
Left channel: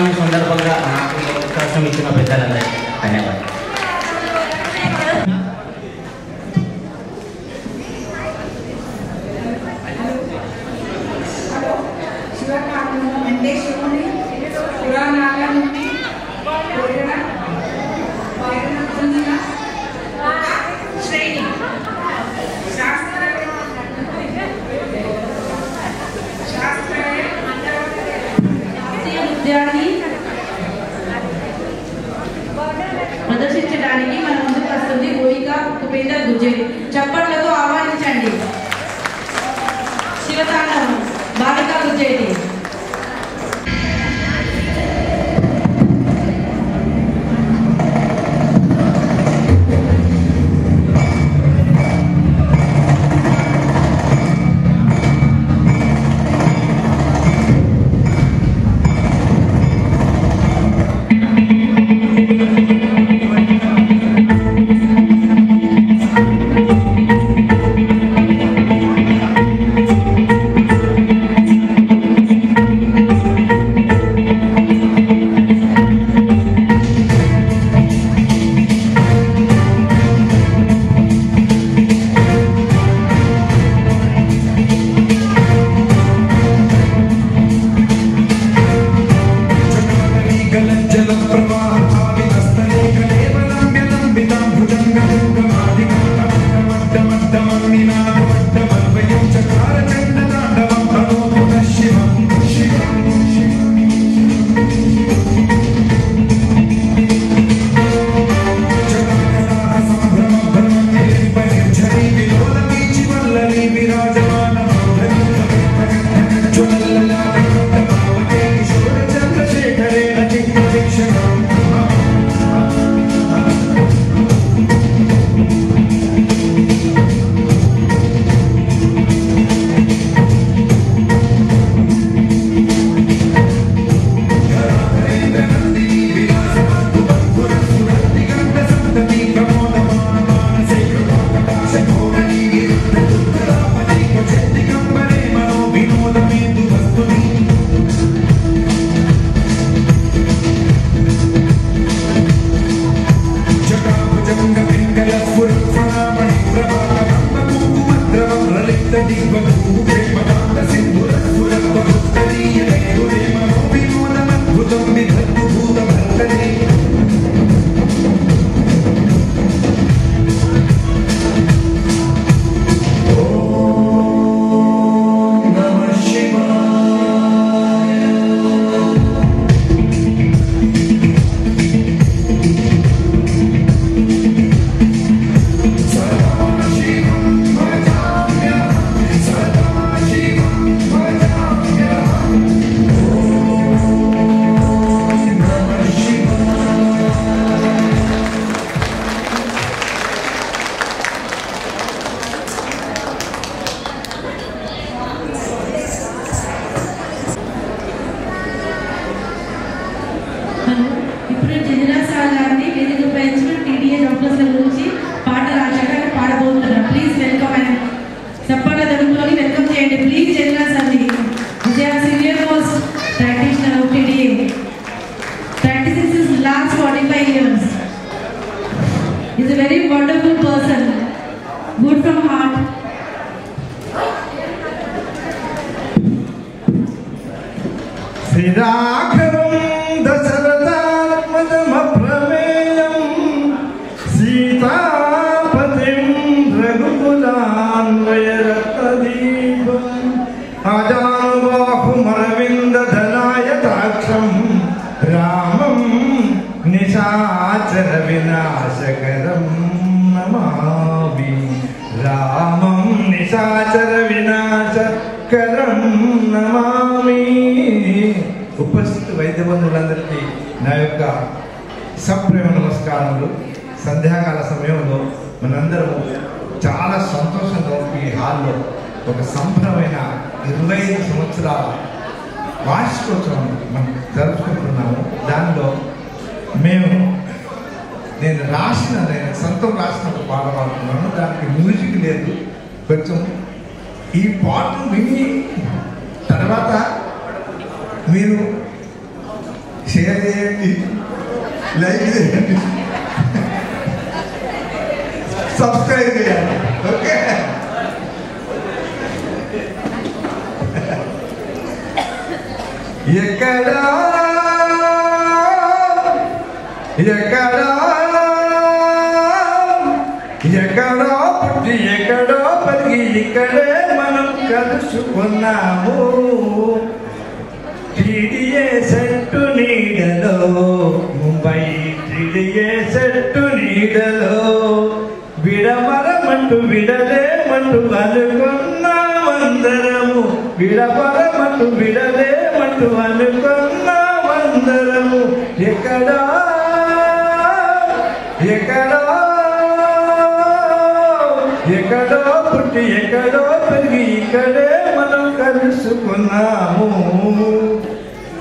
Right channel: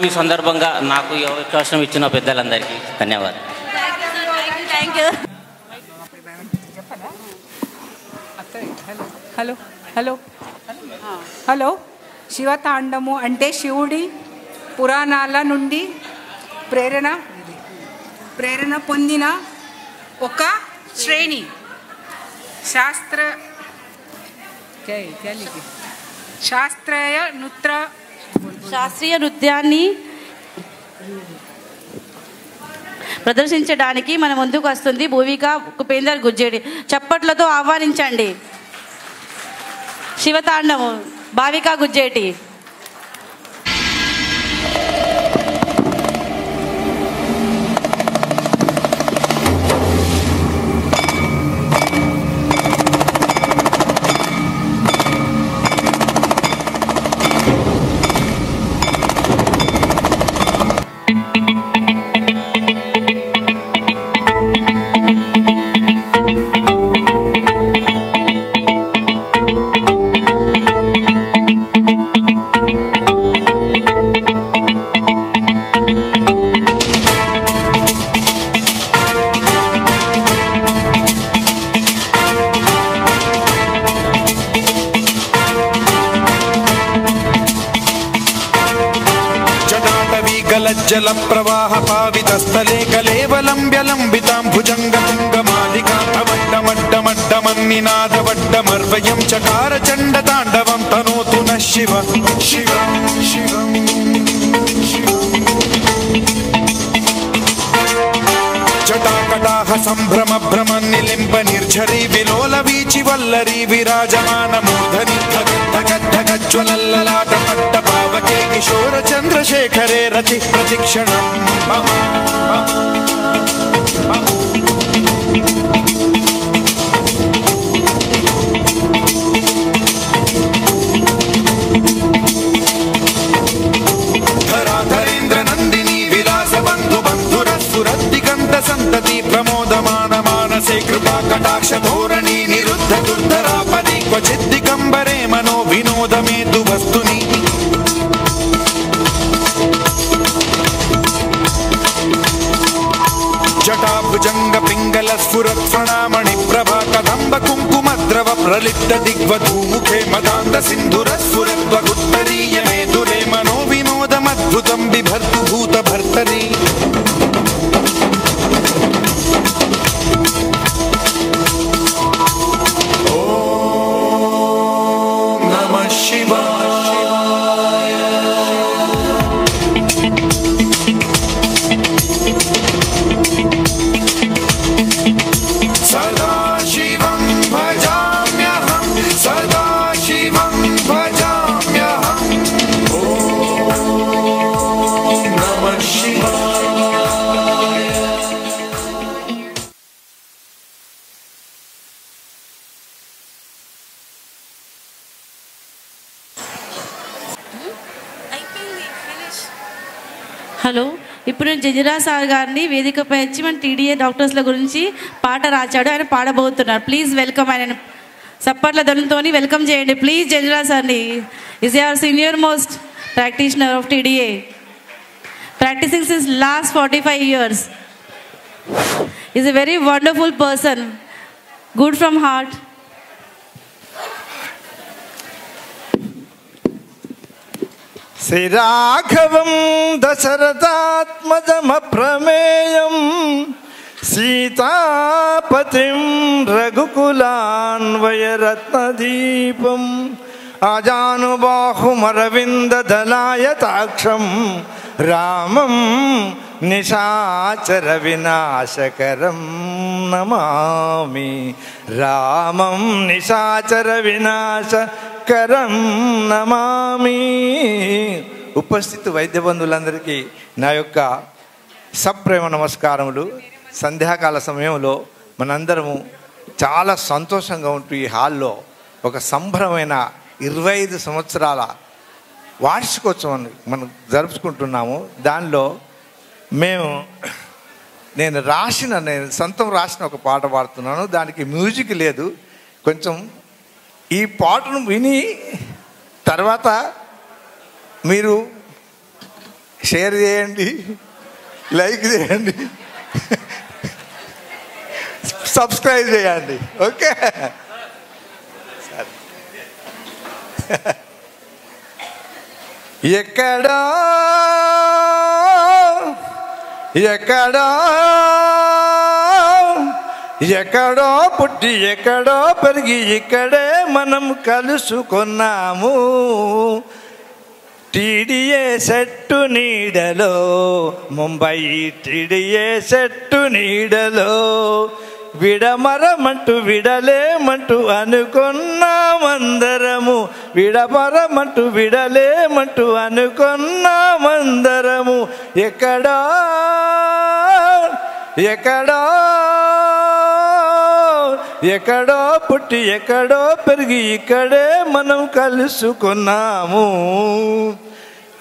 శివరాత్రి సందర్భంగా నాకు ఈ అవకాశం ఇచ్చిన పెద్దలందరికీ ధన్యవాదాలు. హలో హలో హలో శివతాండము అంటే శివుడి పురాణాల నుండి ప్రేరణ పొందిన ఒక శ్రేణి. శాస్త్రీయ నృత్యాన్ని ప్రదర్శించడానికి మన ముందుకు వస్తుంది భూమిక ఉపేందర్ గుజ్జేడి. చప్పట్లతో ఆహ్వానించండి. శివతాండవం భావిక గుజ్జేడి. హలో, ఇప్పుడు జజిరా సార్ గారిని వేదికపై వచ్చి మన టీడీఏ డాక్టర్స్ల గురించి పాట రాశాడు. ఆయన పాడబోతున్నారు. Please welcome. ఆయన సప్పర్ల ధనంతో వెల్కమ్ చేయండి ప్లీజ్ జజిరా సార్ని. Is our senior most practitioner of TDA, practising since last 45 years. Is a very wonderful person, good from heart. శ్రీరాఘవం దశరథాత్మజమప్రమేయం సీతాపతిం రఘుకులాన్వయరత్నదీపం ఆజానుబాహుమరవిందదలాయతాక్షం రామం నిశాచర వినాశకరం నమామి. రామం నిశాచర వినాశకరం నమామి. ఉపస్థిత వైద్య బంధువులందరికీ నా యొక్క సప్రేమ నమస్కారములు. సంధ్యాకాల సమయంలో మనందరము చాలా సంతోషంగా ఉంటూ ఈ హాల్లో ఒక సంబరమైన 25 సంవత్సరాల వార్షికోత్సవం మనం జరుపుకుంటున్నాము. దానిలో నేను సొంతం రాసిన ఒక పాట పాడుతున్నాను. దానికి మ్యూజిక్ లేదు. కొంచెం ఈ పాటను విని తర్వాత మీరు షేర్ చేయండి, లైక్ చేయండి, సబ్స్క్రైబ్ చేయండి. ఓకే, ఎక్కడా ఎక్కడా ఎక్కడో పుట్టి ఎక్కడో పెరిగి ఇక్కడే మనం కలుసుకున్నాము. టీడీఏ సెట్టు నీడలో, ముంబై టీడీఏ సెట్టు నీడలో విడమరమంటూ విడలేమంటూ అనుకున్నామందరము. విడమరమంటూ విడలేమంటూ అనుకున్నామందరము. ఎక్కడా ఎక్కడో ఎక్కడో పుట్టి ఎక్కడో పెరిగి ఇక్కడే మనం కలుసుకున్నాము.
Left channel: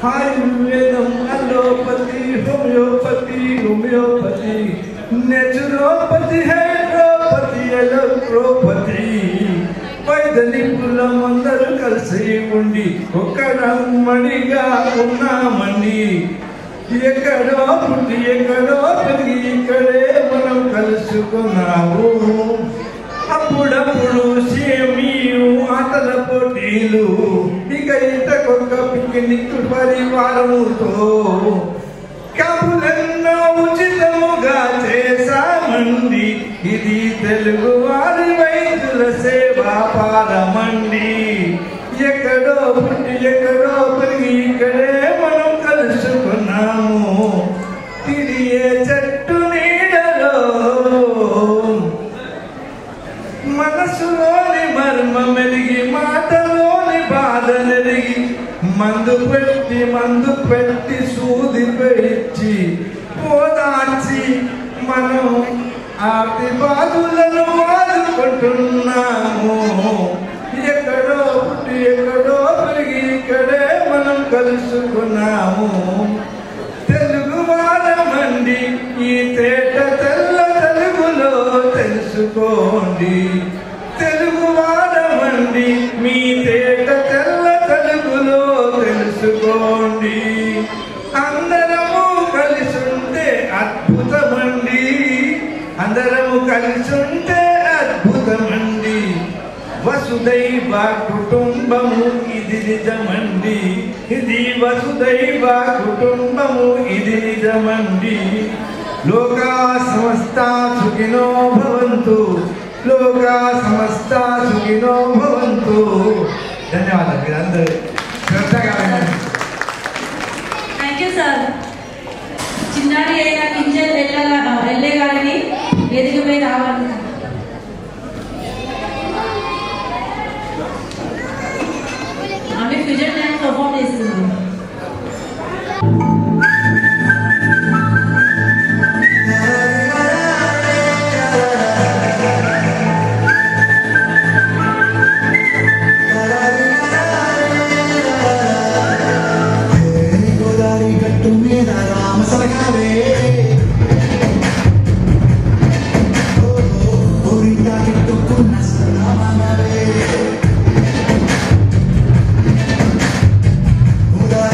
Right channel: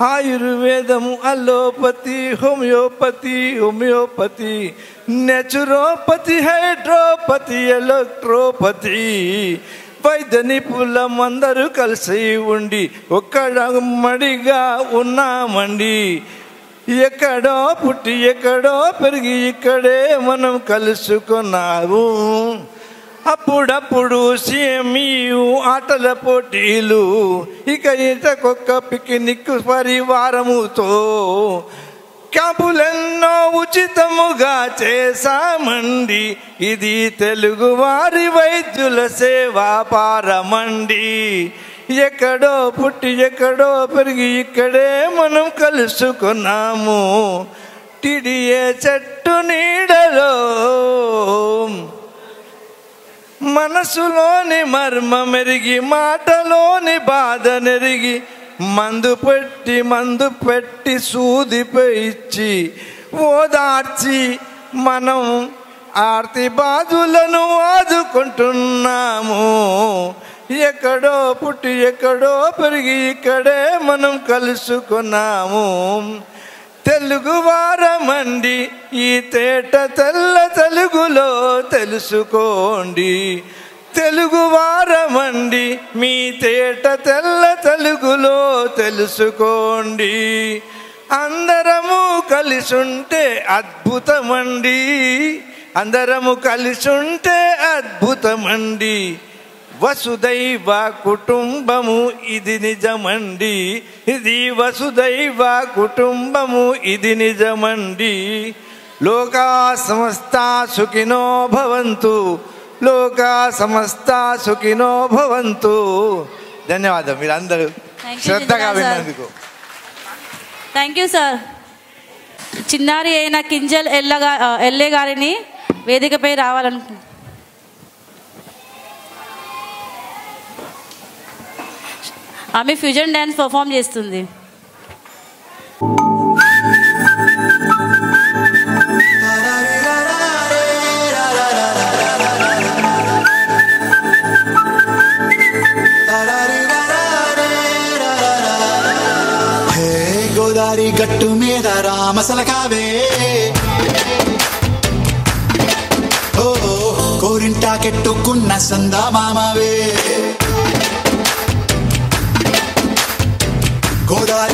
ఆయుర్వేదం, అలోపతి, హోమియోపతి, నేచురోపతి, హైడ్రోపతి, ఎలక్ట్రోపతి, వైద్య నిపుణులమందరూ కలిసి ఉండి ఒక్కడమ్మడిగా ఉన్నామండి. ఎక్కడో పుట్టి ఎక్కడో పెరిగి ఇక్కడే మనం కలుసుకున్నాము. అప్పుడప్పుడు సేమియు ఆటల పోటీలు, ఇక ఈతకొక్క పిక్నిక్ పరివారముతో క్యాంపులెన్నో ఉచితముగా చేశామండి. ఇది తెలుగు వారి వైద్యుల సేవా పారమండి. ఎక్కడో పుట్టి ఎక్కడో పెరిగి ఇక్కడే మనం కలుసుకున్నాము. టీడీఏ చెట్టు నీడలో మనసులోని మర్మ మెరిగి, మాటలోని బాధ నెరిగి, మందు పెట్టి సూదిపై ఇచ్చి ఓదార్చి మనం ఆర్తి బాధులను ఆదుకుంటున్నాము. ఎక్కడో పుట్టి ఎక్కడో పెరిగి ఇక్కడే మనం కలుసుకున్నాము. తెలుగు వారమండి, ఈ తేట తెల్ల తెలుగులో తెలుసుకోండి. తెలుగు వారమండి, మీ తేట తెల్ల తెలుగులో తెలుసుకోండి. అందరము కలిసుంటే అద్భుతమండి, అందరము కలిసుంటే అద్భుతమండి. వసుదైవ కుటుంబము ఇది నిజమండి, ఇది వసుదైవ కుటుంబము ఇది నిజమండి. లోకా సమస్త సుఖినో భవంతు, లోకా సమస్త సుఖినో భవంతు. ధన్యవాదాలు. మీరందరూ శ్రద్ధగా వినండి. Thank you sir. చిన్నారి అయిన కింజల్ ఎల్లే గారిని వేదికపై రావాలనుకుంటున్నాను. ఆమె ఫ్యూజన్ డ్యాన్స్ పర్ఫామ్ చేస్తుంది. గోదావరి గట్టు మీద రామసలకావే, కోరింటా కెట్టుకున్న సందామామవే. గోదావరి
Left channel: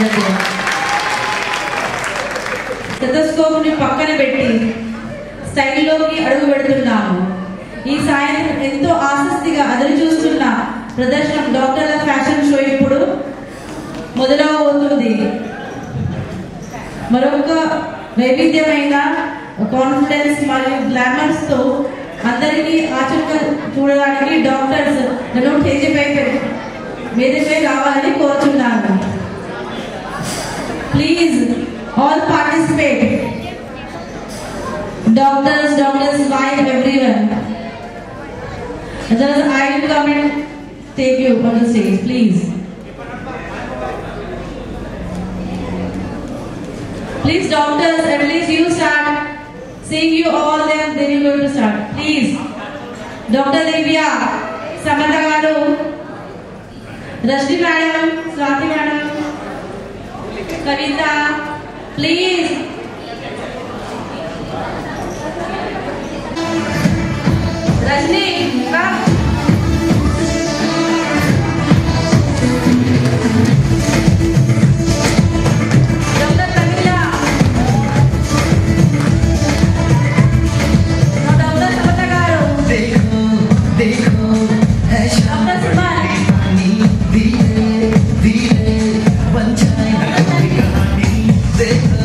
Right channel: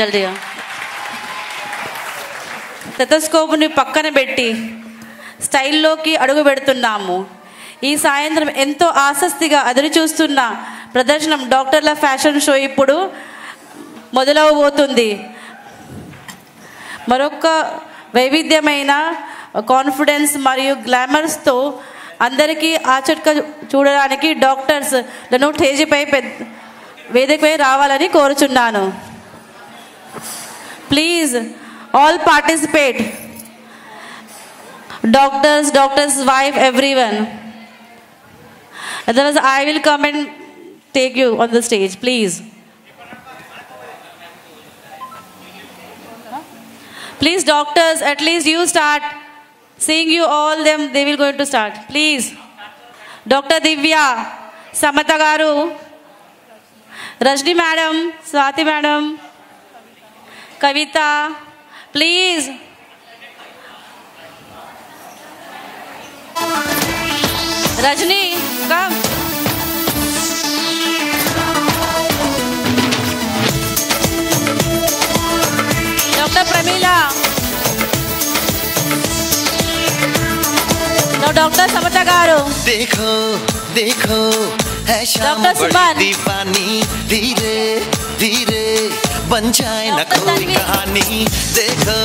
జల్దీ స్టెథోస్కోప్ని పక్కన పెట్టి స్టైల్లోకి అడుగు పెడుతున్నాము. ఈ సాయంత్రం ఎంతో ఆసక్తిగా ఎదురు చూస్తున్న ప్రదర్శనం డాక్టర్ల ఫ్యాషన్ షో ఇప్పుడు మొదలవబోతుంది. మరొక వైవిధ్యమైన కాన్ఫిడెన్స్ మరియు గ్లామర్స్తో అందరికీ ఆచరణ చూడడానికి డాక్టర్స్ నన్ను స్టేజిపై వేదికపై రావాలని కోరుచున్నాను. Please all participate. Doctors wife everyone. Otherwise I will come and take you on the stage, please. Please doctors, at least you start. Seeing you all them, they will going to start. Please. Dr. Divya, Samantha garu, Rajni madam, Swati madam, Kavita, please. Rajni, come. Dr. Pramila. Now Dr. Samantha garu. देखो देखो है शाम बड़ी दीवानी, धीरे धीरे बन जाए ना कोई कहानी. देखो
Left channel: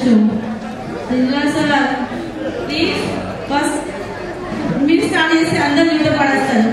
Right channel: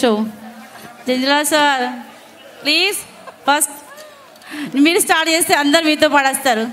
show. Jindal sir, please first మీరు స్టార్ట్ చేస్తే అందరు మీతో పాడేస్తారు.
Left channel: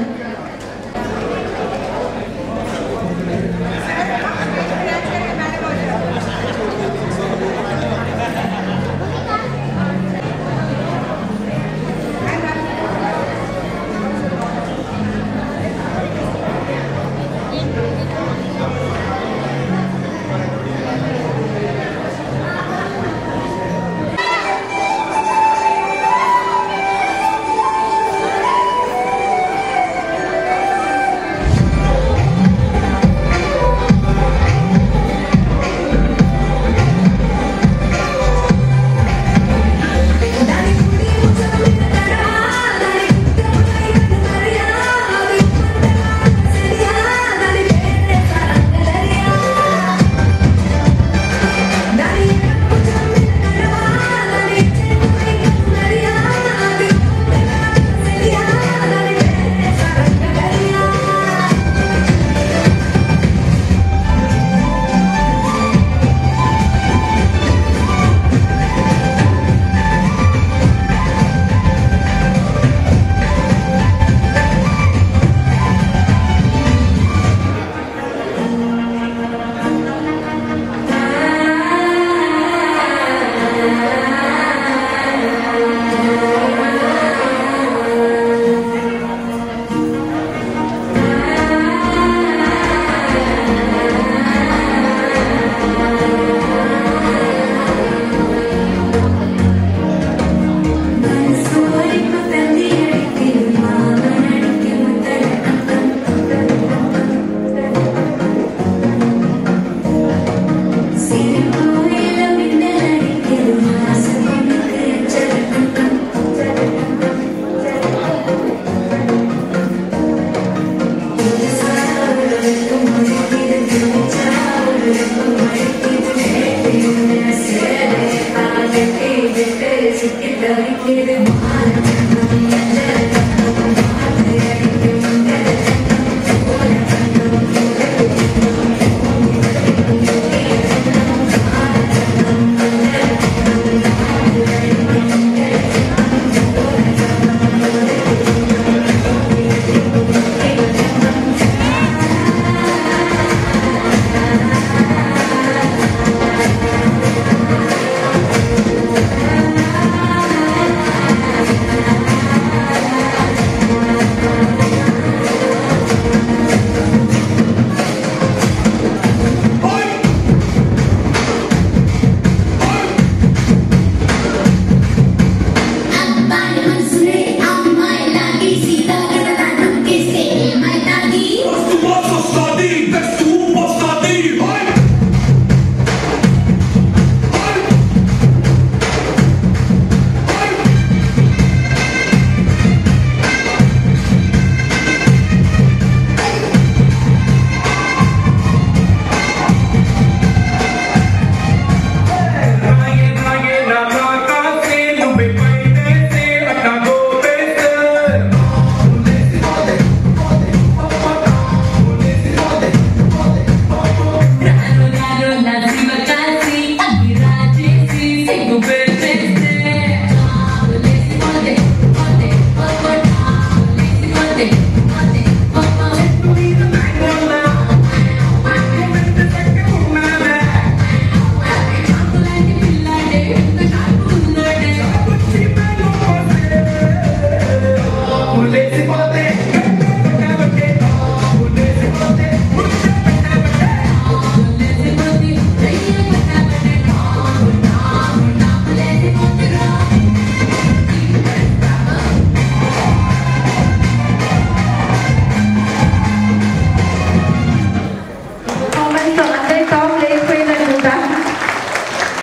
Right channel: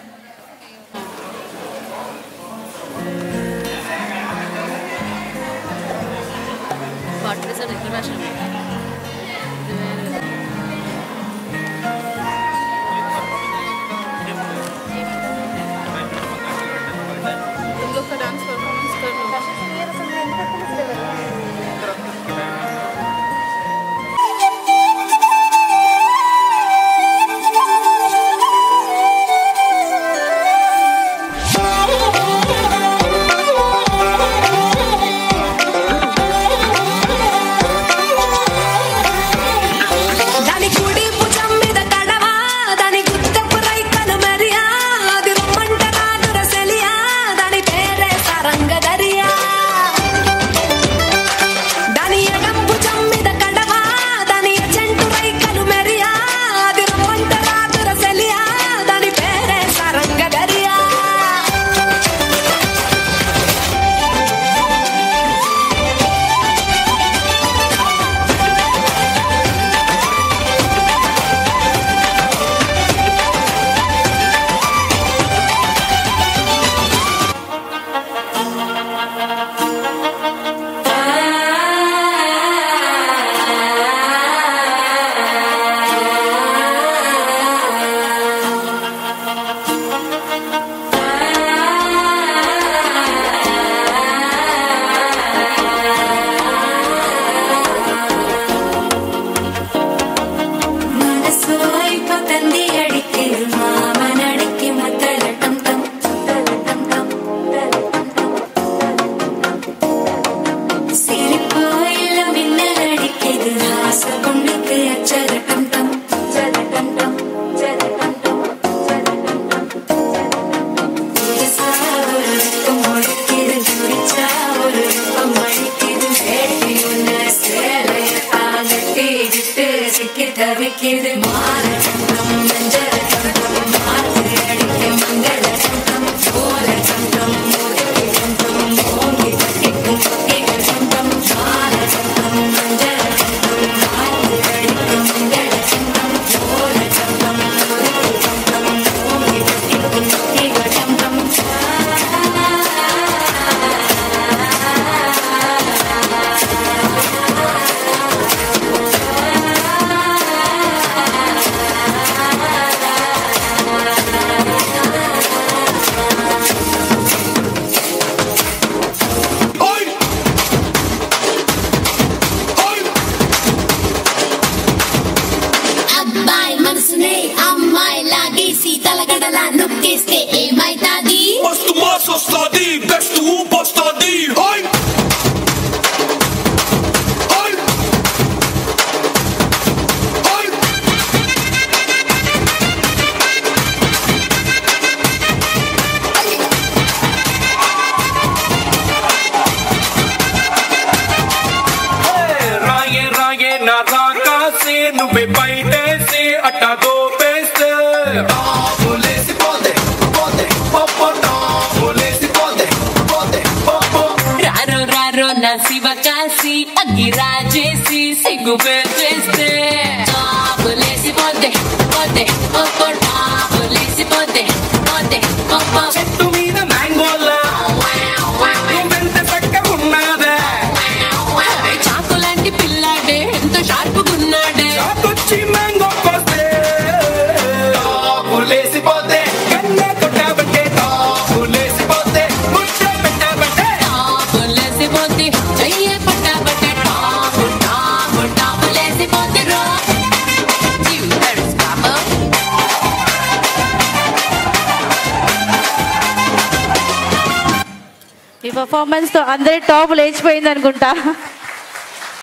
Google Chase